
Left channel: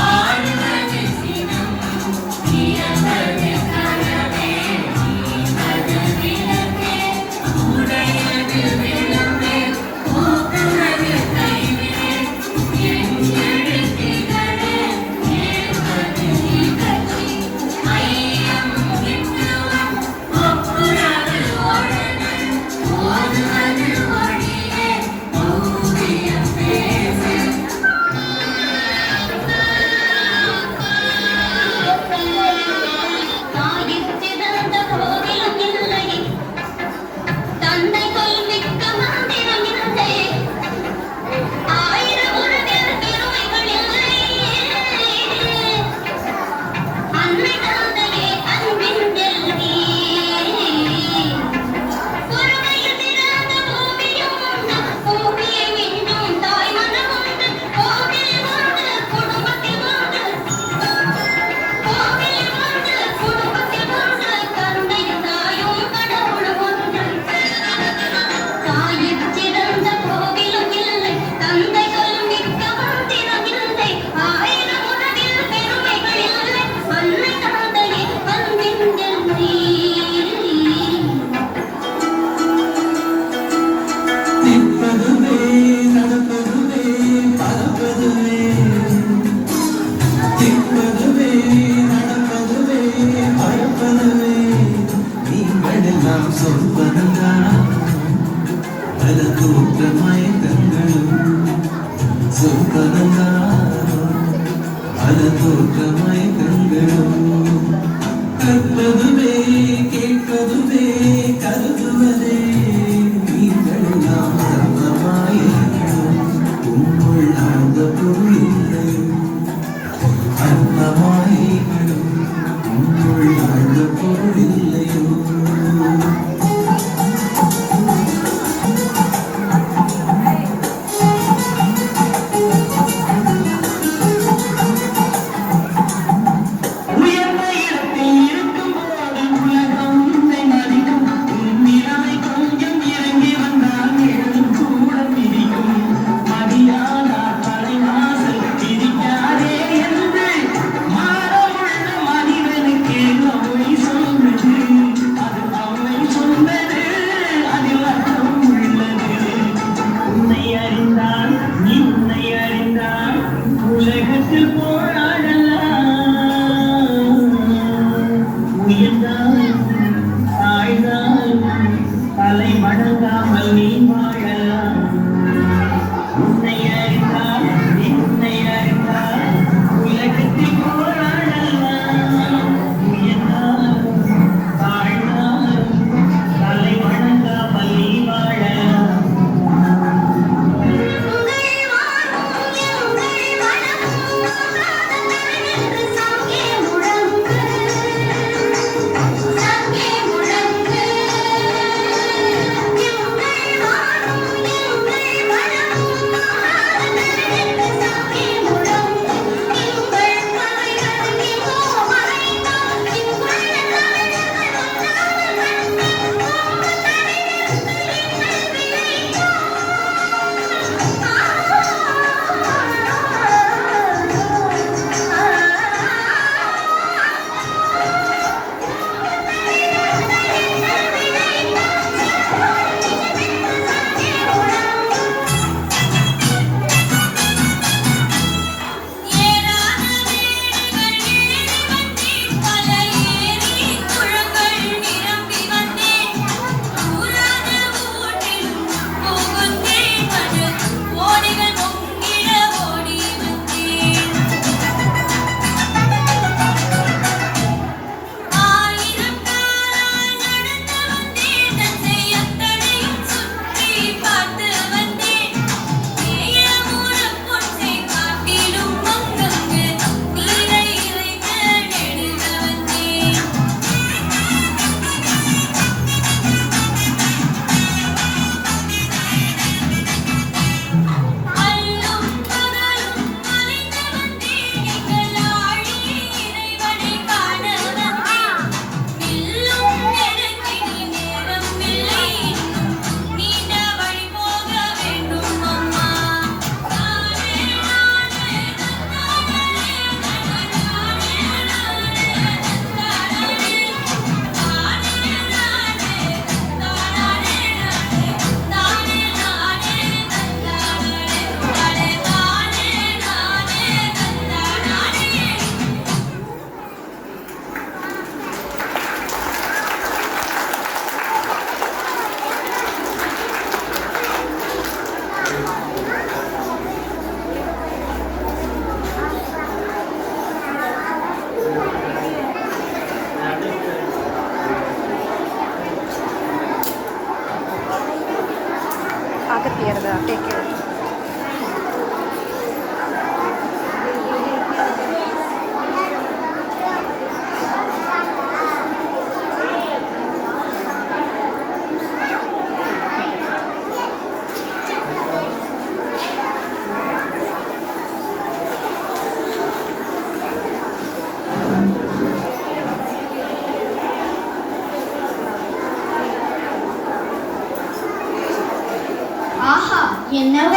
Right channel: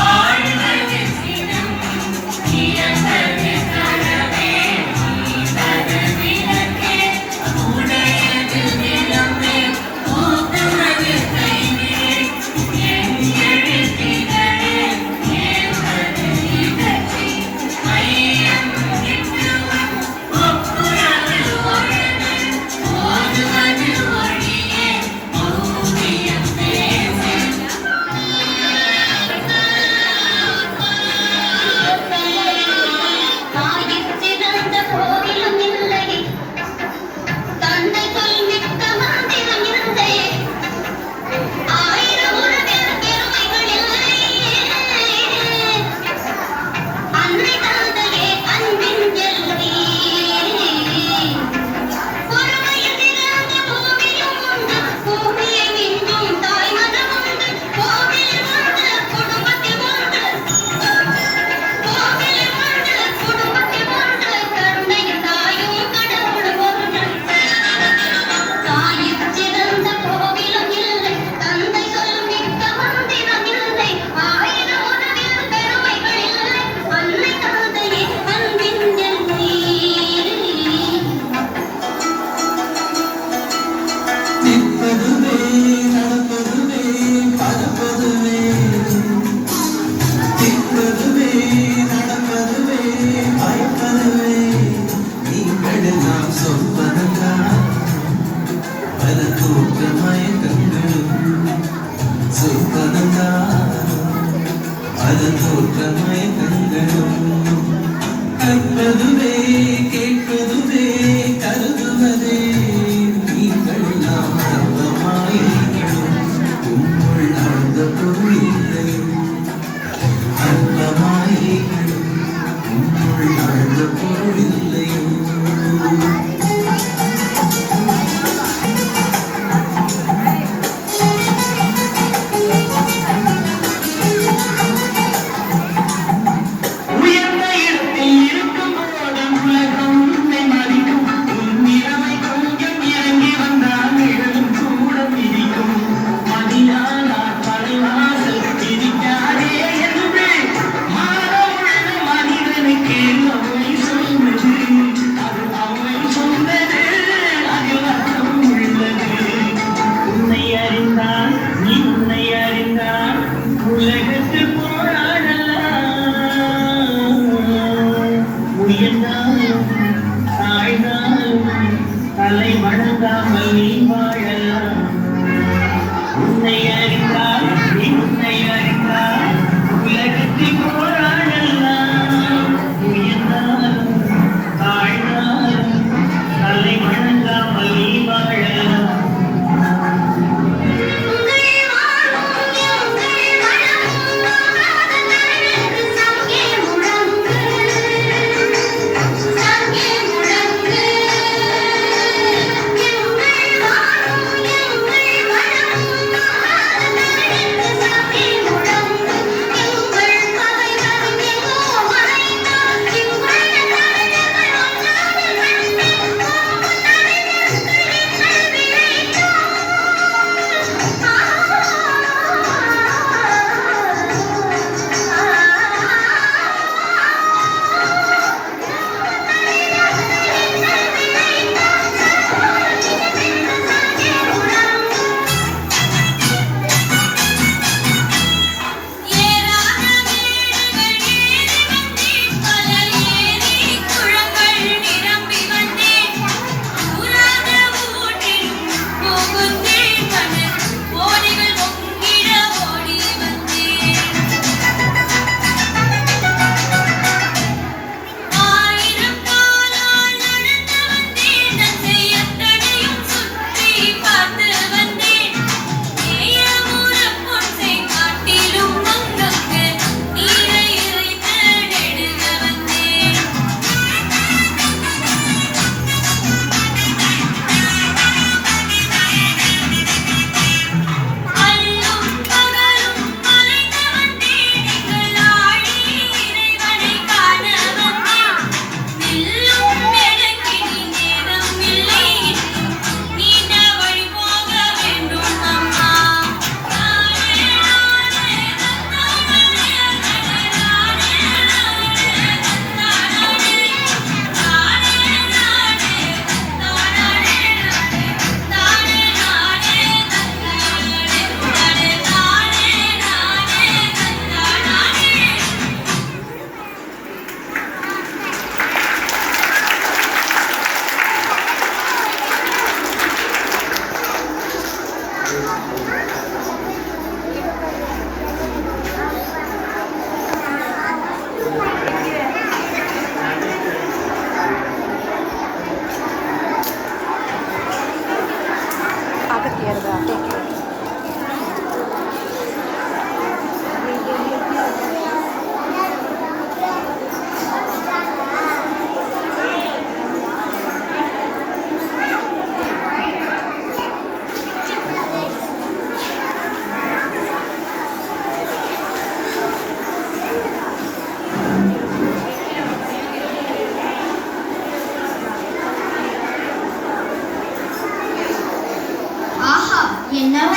ஆழ்ந்த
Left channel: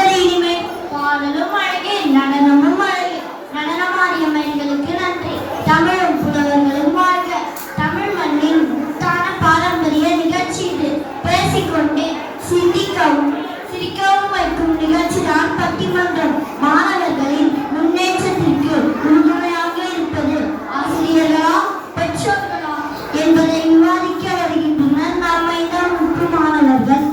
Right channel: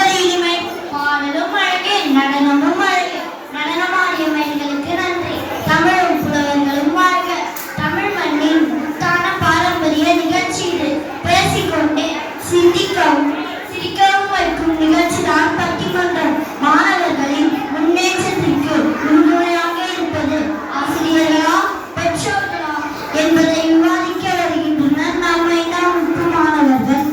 பாடுவது இனிமை, பாடலும் அழகே, நடனமும் அழகே. நடனமாடிய மயில்களுக்கு நன்றி. தமிழும் புலவர்களும் வாழ்க. தமிழ் மண்ணின் முத்தான பாரம்பரிய நிகழ்ச்சி இது. பேசிக்கொண்டே சிந்திக்கவும் சிரிக்கவும் வைக்கும் நிகழ்ச்சி தான் பட்டிமன்றம். மாணவர்களின் முன்னேற்றத்திற்கு முன்னுரையாக இருப்பது ஆசிரியர்களா பெற்றோர்களா என்பதை விவாதிக்க வருகின்றனர் நாம் 5ஆம் வகுப்பு மாணவர்கள்.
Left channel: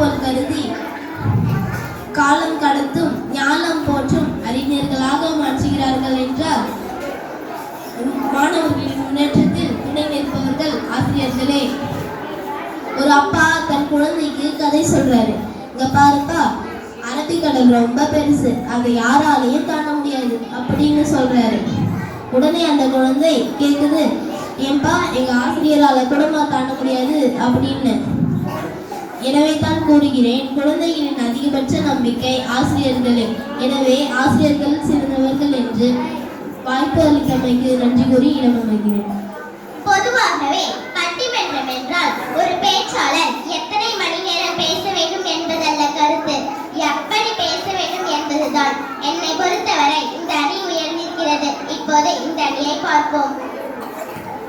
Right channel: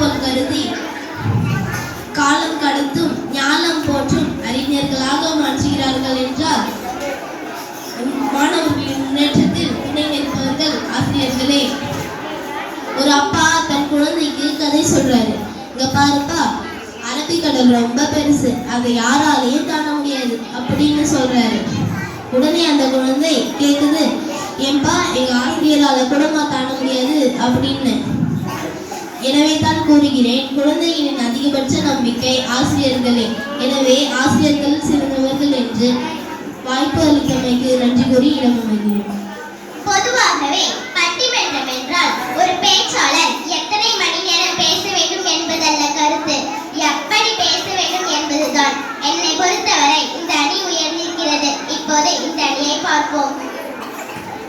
போல் கருதி காலம் கடத்தும் ஞானம் போற்றும் அறிஞர்களாக மாற்றுகிறார்கள் என்றால் மாணவர்களின் முன்னேற்றத்தில் துணை நிற்பவர்கள் ஆசிரியர்களே. ஒரு அப்பா தன் குழந்தைக்கு கதை சொல்றாரு. இங்க பாருப்பா, அரபிக்கடல் ரொம்ப பெருசு, அதை யாராலையும் தாண்ட முடியாது அப்படின்னு சொல்றாரு. உடனே அந்த குழந்தை கேக்குது, ஏன்பா எங்க ஆசிரியரால கூடமா தாண்ட முடியாது அப்படின்னு. எனவே தான் கூறுகிறேன், குழந்தைகளின் அதிகபட்ச நம்பிக்கை ஆசிரியர்களே. எனவே ஆசிரியர்கள் சிறந்தவர்கள் என்று வாய்ப்பு அளித்தமைக்கு நன்றி கூறி இடமமைகிறேன். பொதுவாகவே பட்டிமன்றம் என்றால் ஒரு பேச்சாளர் எத்தனை மணி நேரம் பேச வேண்டும் என்பதல்ல கருத்து, எப்படி பேச வேண்டும் என்பதுதான். என்னை பொறுத்தவரை இந்த அணி உயர்ந்திருக்கிறது. இப்போது இந்த அணியை பார்ப்போம்.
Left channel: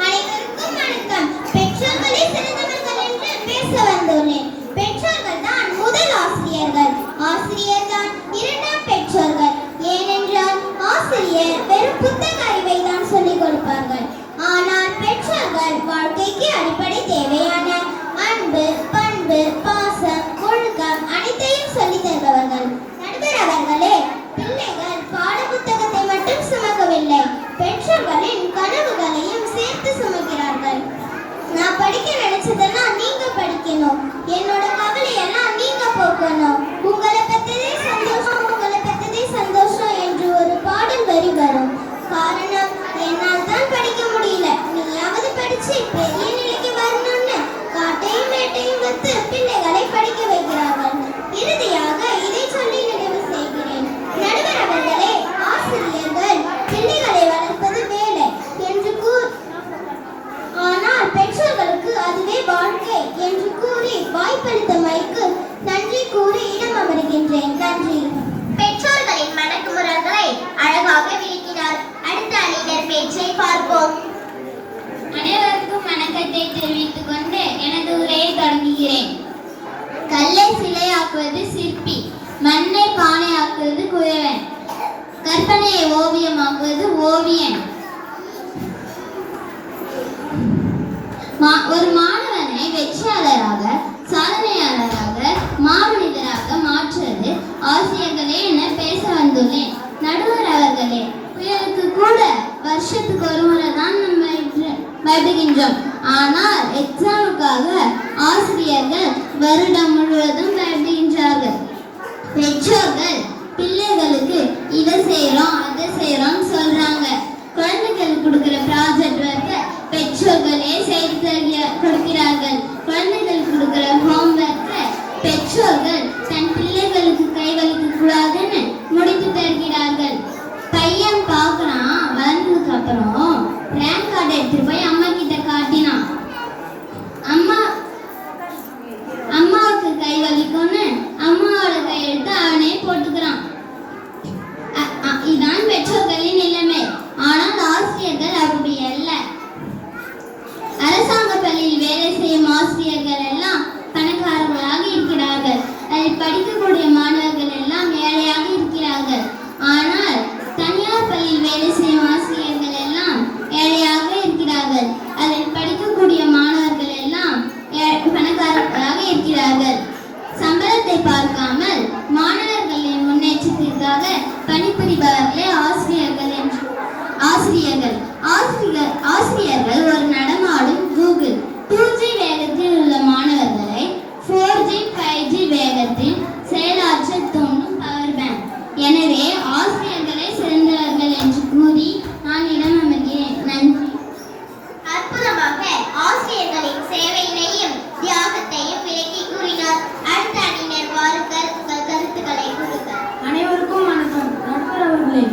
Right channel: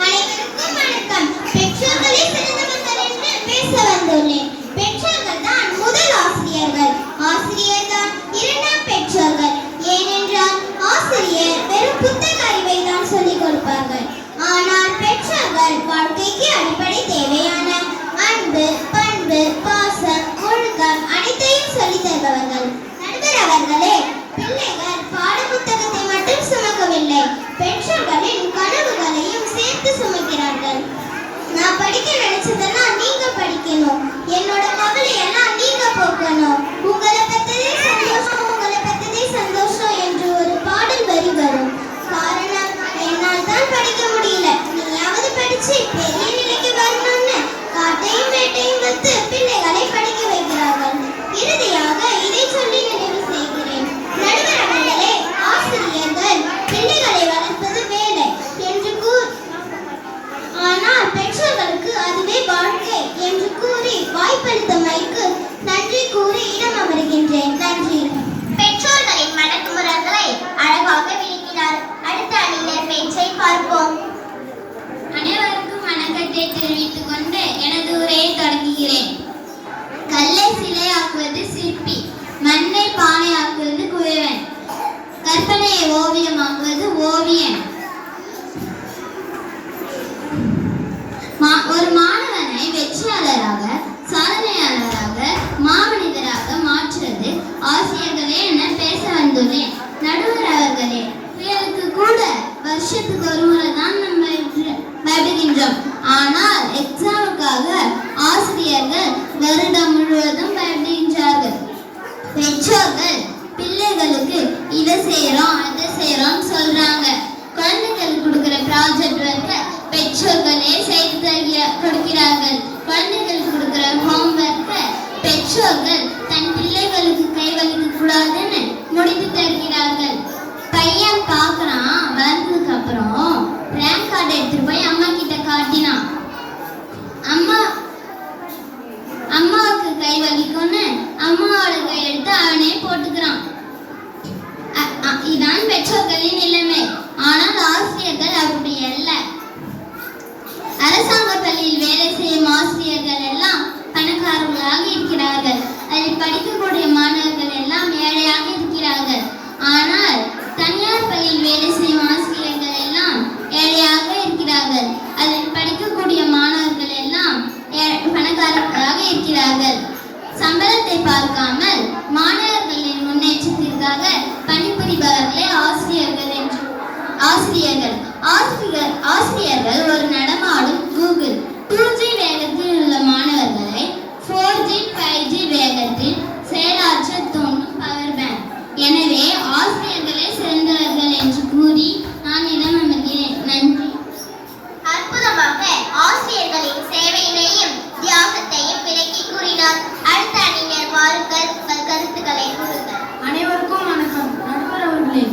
அனைவருக்கும் வணக்கம். பெற்றோர்களே சிறந்தவர்கள் என்று பேச வந்துள்ளேன். பெற்றோர்கள் தான் முதல் ஆசிரியர்கள், ஆசிரியர் தான் இரண்டாம் பெற்றோர்கள். ஏனென்றால் ஆசிரியர் வெறும் புத்தக அறிவை தான் சொல்லிக் கொடுப்பார்கள். ஆனால் பெற்றோர்கள் வாழ்க்கைக்கு அடிப்படை தேவையான அன்பு, பண்பு, பாசம், ஒழுக்கம் அனைத்தையும் சொல்லித் தருபவர்கள். நடுவர் அவர்களே, பிள்ளைகள் பாட புத்தகத்தை மட்டும் சுமக்கவில்லை, பெற்றோர்களின் கனவுகளையும் சேர்த்து சுமக்கிறார்கள். நான் படிக்க நினைச்சதெல்லாம் நீங்க படிக்கணும், என்னோட கவலையெல்லாம் நீங்க போக்கணும், உங்களை பத்ததே சந்தோஷம், உங்களை பத்ததே சந்தோஷம் என்று ஒரு பாடல் வரி வரும். காரணம், என்னால் தான் படிக்க முடியல, நீயாவது படிச்சு பெரிய நிலைக்கு வரணும்னு காட்டையும் வேட்டையும் வைத்து பிள்ளைகளை படிக்க வைக்கிறார்கள். இறுதியாக இதை சொல்லி நிறைவு செய்கிறேன். நடுவர் அவர்களே, ஆசிரியர்கள் பிள்ளைகளை வளர்ப்பது வேலை என்று ஆனால் பெற்றோர்களுக்கு அதுவே வாழ்க்கை என்று கூறி வாய்ப்பளித்தமைக்கு நன்றி கூறி இடம் அமர்கின்றேன். நன்றி. பெற்றோர்களின் மனக்குமுறல்களை அழகாக விளக்கினார். அடுத்த அணியினர் பேச்சை பார்ப்போம். அனைவருக்கும் வணக்கத்தை தெரிவித்துக் கொண்டு எனது உரையை தொடங்குகிறேன். கல்லை சிலையாக்குவது சிற்பி, மண்ணை பானையாக்குவது குயவன், கற்பனையை ஓவியமாக்குவது ஓவியன். ஒரு மாணவனை வெற்றியாளராக, சாதனையாளராக, மாமனிதராக மாற்றுவது ஆசிரியர்களே என பேச வந்துள்ளேன். நடுவர் அவர்களே, எனக்கு கூட வருஷத்துக்கு ஒரு முறை தான் நம்ம பயப்படுகின்றோம். ஆனால் எக்ஸாமுக்காக ஆசிரியர்கள் வருடம் முழுவதும் பயப்படுகின்றார்கள். பெற்றோர்கள் பிள்ளைகளுக்கு இதை செய்யறோம் அதை செய்யறோம் சொல்றாங்க. குழந்தைகளுக்கு கொடுக்கிற ப்ராஜெக்ட் ஒர்க்கை பெற்றோர்களே செய்து கொடுக்கிறார்கள். குழந்தைகளுக்கு கொடுக்கிற ஹோம்ஒர்க்கை பெற்றோர்கள் தன் பிள்ளைகளுக்கு கைகளுக்கு கூடாதுன்னு முடித்து தருகிறார்கள். பையன் பார்க்குறான், வளர்ந்ததுக்கு அப்புறம் ரேங்க் கார்டு எடுத்துட்டு போய் அம்மா கிட்ட காட்டினான். அம்மாவுக்கு கை வலிக்கும்னு அம்மாவோட கையெழுத்து அவனே போட்டுக்கிறான். இதான் பெற்றோர்களின் நிலைமை. ஆனால் ஆசிரியர்கள் அப்படி அல்ல. அரசாங்க பள்ளியில் வேலை செய்யும் ஆசிரியர்கள் எல்லாம் பணக்காரர்களாக இருக்கிறார்கள். அதில் படிக்கக்கூடிய மாணவர்கள் எல்லாம் ஏழையாக இருக்கிறார்கள். ஆனால் தனியார் பள்ளியில் வேலை செய்யும் ஆசிரியர்கள் எல்லாம் ஏழையாக இருக்கிறார்கள். அதில் படிக்கக்கூடிய மாணவர்கள் எல்லாம் பணக்காரர்களாக இருக்கிறார்கள். சம்பளத்தை பார்க்காமல் மாணவர்களின் முன்னேற்றத்திற்காக பணிபுரிபவர்களே ஆசிரியர்கள் ஒரு நடமாடும் கூகுள். 2G வேகத்தில் உள்ள மாணவர்களை 4G 5G வேகத்தில் செயலாற்ற தோன்றும் பவர் பேங்க். எனவே ஆசிரியர்களே சிறந்தவர்கள் என்று கூறி நான் இடம் அமர்கிறேன். நன்றி. அற்புதமாக ஆசிரியர்களின் சேவையினையும் தியாகத்தையும் விளக்கி கூறினார். அடுத்த அணியினர் வாருங்கள், உங்கள் கருத்துக்களை கூறுங்கள். அனைவருக்கும் வணக்கம். நடுவர் அவர்களே,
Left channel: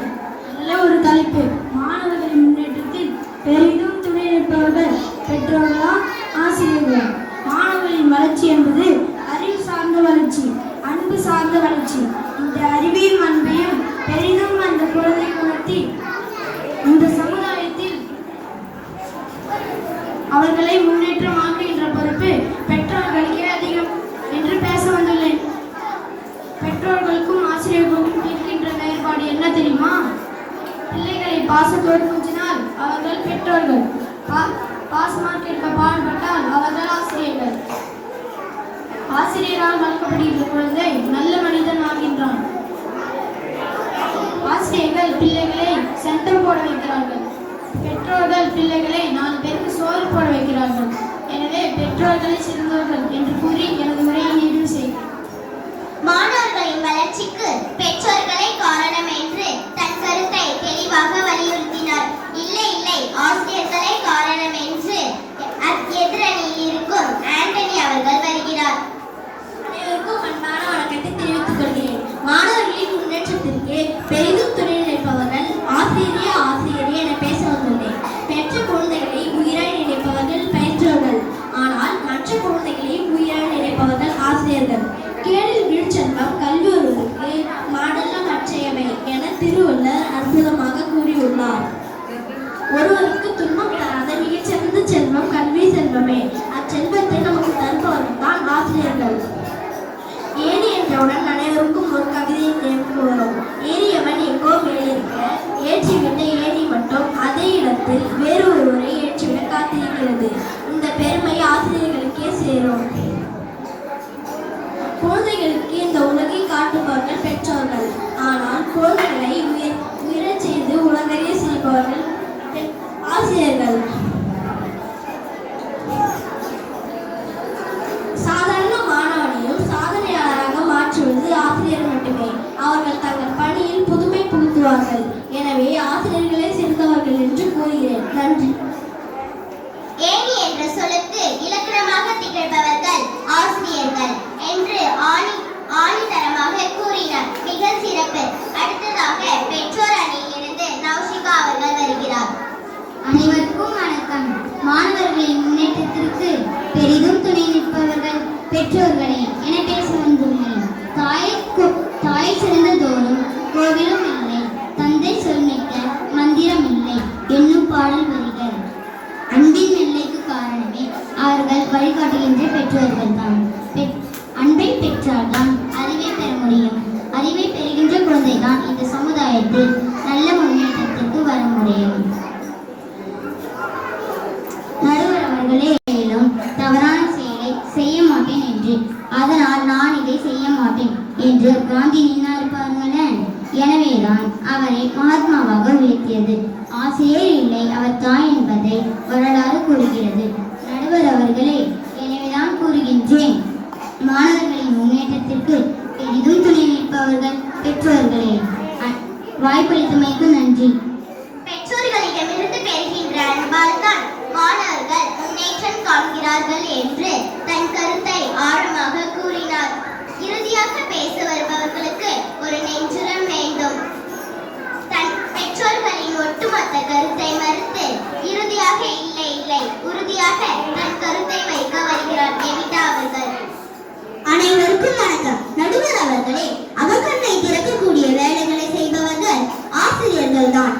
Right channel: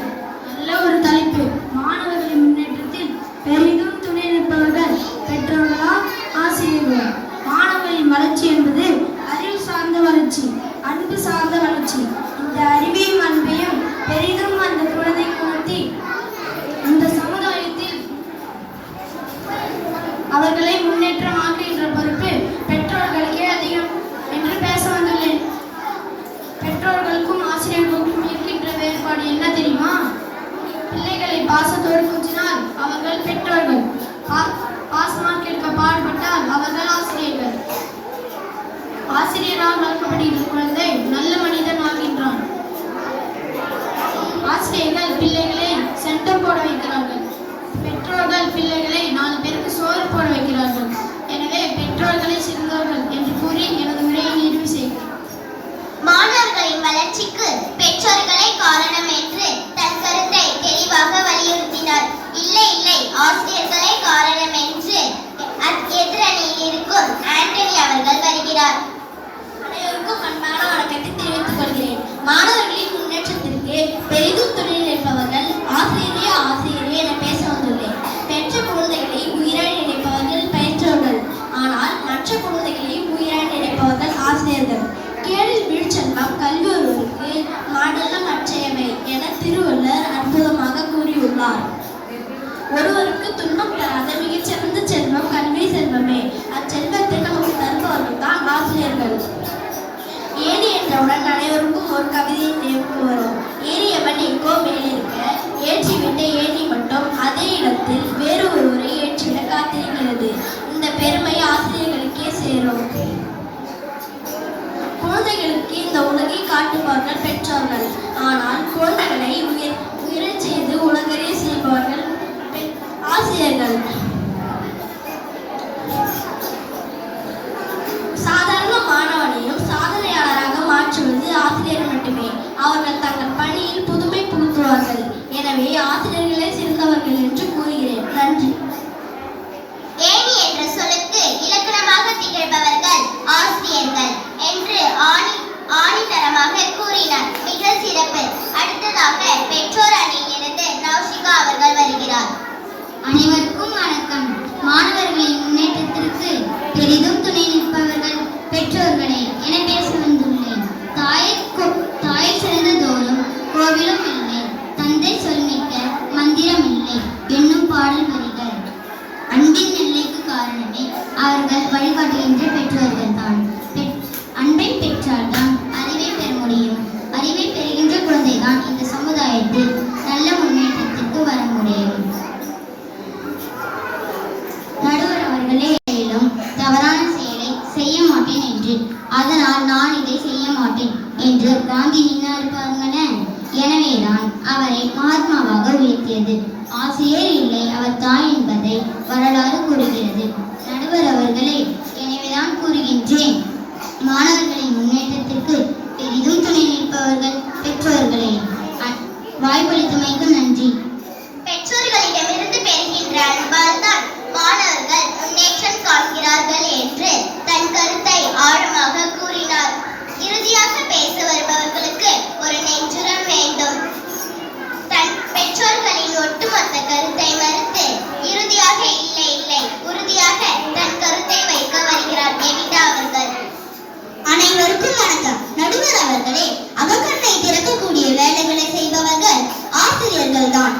நல்ல ஒரு தலைப்பு. மாணவர்களின் முன்னேற்றத்தில் பெரிதும் துணை நிற்பவர்கள் பெற்றோர்களா ஆசிரியர்களா? மாணவர்களின் வளர்ச்சி என்பது அறிவு சார்ந்த வளர்ச்சி, அன்பு சார்ந்த வளர்ச்சி. இந்த அறிவையும் அன்பையும் பெரிதும் கஷ்டப்படுகிற குழந்தை நல்ல மனிதன் ஆகின்றான். ஆசிரியர்கள் பிள்ளைகளை சென்டர் போட வைக்கிறார்கள். பெற்றோர்கள் பிள்ளைகளை 4 பேருக்கு சோறு போட வைக்கிறார்கள். எனவே பெற்றோர்களை சிறந்தவர்கள் என்று கூறி எனது உரையை நிறைவு செய்கிறேன். மாணவர்களின் வளர்ச்சிக்கு பெற்றோர்களே காரணம் என்று தன் கருத்தை தெளிவாக வலியுறுத்தினார். இல்லை இல்லை, ஆசிரியர்களே காரணம் என்று எதிரணியில் இருக்கும் ஆண்டனி அவர்கள் வருகிறார். அனைவருக்கும் அன்பான வணக்கத்தை தெரிவித்துக் கொள்கிறேன். மாணவர்களின் முன்னேற்றத்திற்கு பெரிதும் துணை நிற்பவர்கள் ஆசிரியரே என பேச வந்துள்ளேன். பெற்ற குழந்தைகளை உயிராக நினைப்பவர்கள் பெற்றோர்கள். ஆனால் மற்ற குழந்தைகளை உயிராக நினைப்பவர்கள் ஆசிரியர்கள். கேளில் வீழ்ச்செல்வம் கல்வி ஒருவருக்கு மாடலம் அற்றையவை என திருவள்ளுவர் அற்புதமாக கூறியுள்ளார். ஒருவருக்கு துன்பம் தராத மிகச்சிறந்த செல்வம் கல்வி செல்வமே. அச்செல்வத்தை நமக்கு தருபவர்கள் தான் ஆசிரியர்கள். ஏரி என்றவுடன் அனைவருக்கும் ஒரு கவிதை நினைவுக்கு வரும். ஏறியவன் எங்கோ மேலிருக்க, ஏற்றிவிட்ட ஏரி மட்டும் அதே இடத்தில் வேறு ஒருவரை ஏற்றிவிட காத்திருக்கிறது. இந்த பெருமை ஆசிரியர்களுக்கே சேரும். குழந்தைகளுக்கு இந்த உலகை காட்டுபவர்கள் பெற்றோர்கள். ஆனால் குழந்தைகளை உயரச் செய்து உலகறிய செய்பவர்கள் ஆசிரியர்கள். சாதாரண மாணவனையும் சாதனையாளராக மாற்றுவது ஆசிரியர் மட்டுமே. அவர்கள் தங்கள் பணியில் புதுமை புகுத்துவார்கள். எனவே ஆசிரியர்களே சிறந்தவர்கள் என்று கூறுகிறேன். நன்றி. ஏணி என்ற சொல்லுக்கு இலக்கணமாக திகழ்பவர்கள் ஆசிரியர்கள் என்று ஆணித்தரமாக கூறினார். மிக சிறப்பு. அடுத்ததாக பெற்றோர் அணியிலிருந்து நௌஷிகா அவர்கள் வருகிறார். அனைவருக்கும் வணக்கம். மாணவர்களின் முன்னேற்றத்திற்கு பெரிதும் துணை நிற்பவர்கள் பெற்றோர்களே என பேச வந்துள்ளேன். தாயை சிறந்த தோறும் கோவிலும் இல்லை, தந்தை சொல்மிக்க மந்திரம் இல்லை என்னும் பாடல் வரிகள். அன்பின் எல்லைக்கு காரணமே அவர்கள் வழிகாட்டுகின்ற பெற்றோர்கள் தான். அன்பை பெற்றால்தான் அறிவை பெற முடியும். அறிவை பெறுகின்ற குழந்தைதான் இந்த சமுதாயத்தில் நல்ல முன்னேற்றத்திற்கு வர முடியும். நடுவர் அவர்களே, தவறான செயலை செய்ய மாட்டேன் என்று, அதனால் நான் இதை செய்ய மாட்டேன் என்று காந்தி நின்னார் பாருங்களேன். எனவேதான் அவரை மகாத்மாவாக உயர்த்தியது. ஆசிரியர் இல்லை அவர் தாய் என்பதை வரலாறு கூறுகிறது. நடுவர் அவர்களே, எனவேதான் கூறுகின்றேன், மாணவர்களின் முன்னேற்றத்திற்கு பெரிதும் துணை நிற்பவர்கள் பெற்றோர்களே. வாய்ப்பளித்தமைக்கு நன்றி. பெற்றோர்களிடமிருந்து பெறுகின்ற அன்பால் தான் மாணவர்கள் முன்னேற்றம் காண்கிறார்கள் என்று தன் கருத்தை ஆழமாக கூறினார். இறுதியாக பேச வருபவர்களுக்கு ஒரு நெஞ்சுரம் வேண்டும். தன் பெற்றோர்களின் ஒட்டுமொத்த கருத்தை மறுத்து இறுதியாக இல்லை இல்லை உறுதியாக தன் கருத்தை வைக்க வருகிறார் எவிதா அவர்கள். அனைவருக்கும் வணக்கம். நடுவர் அவர்களே, அகக்கண்ணை திறக்கக்கூடிய வேலைகளை செய்பவர்கள் ஆசிரியர்கள் தான்.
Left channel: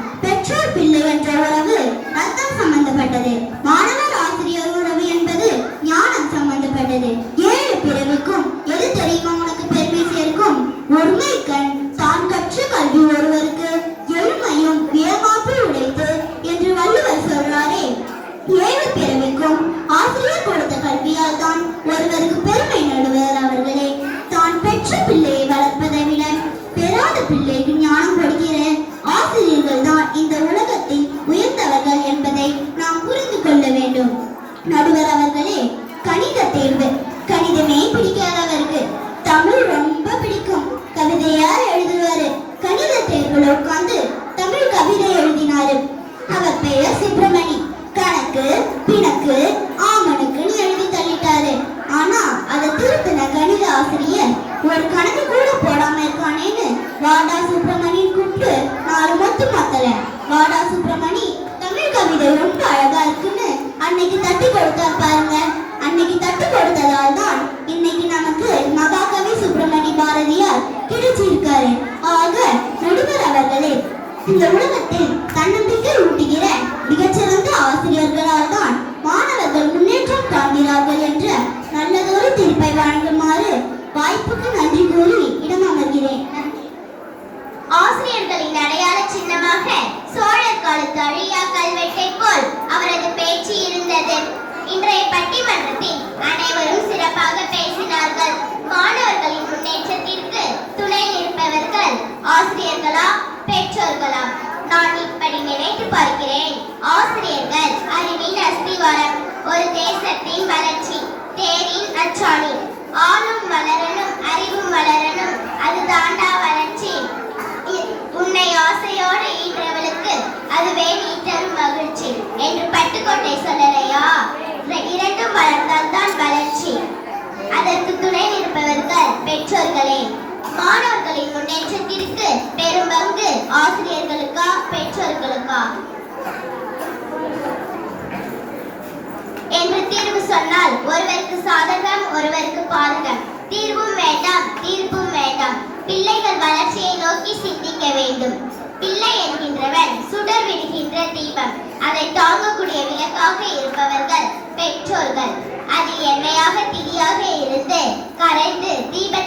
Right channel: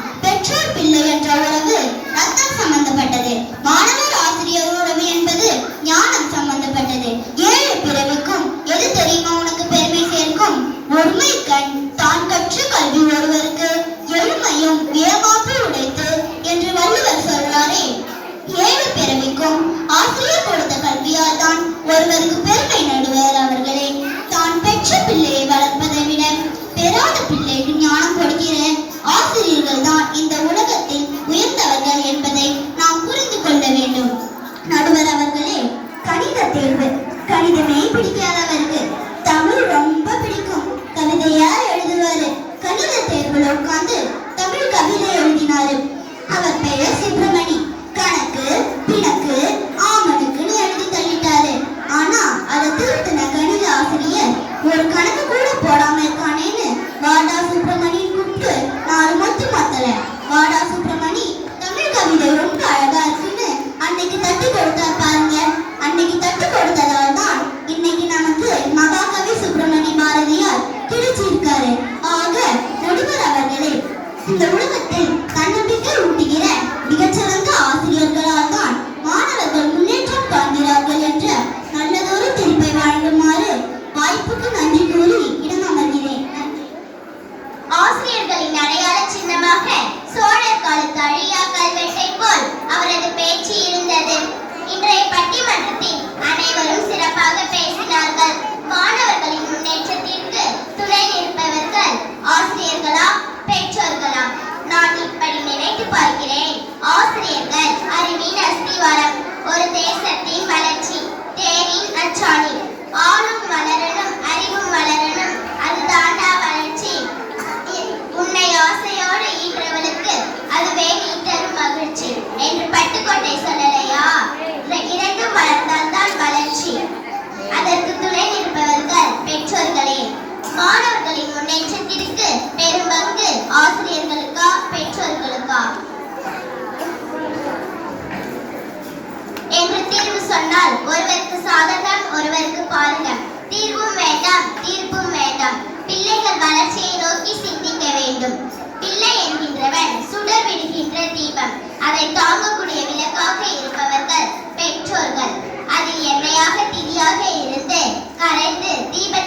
அதை தாங்கக்கூடிய விளக்காக இருப்பவர்கள் பெற்றோர்கள். அதில் எண்ணெயாக திரியாக இருந்து கரைந்து தீப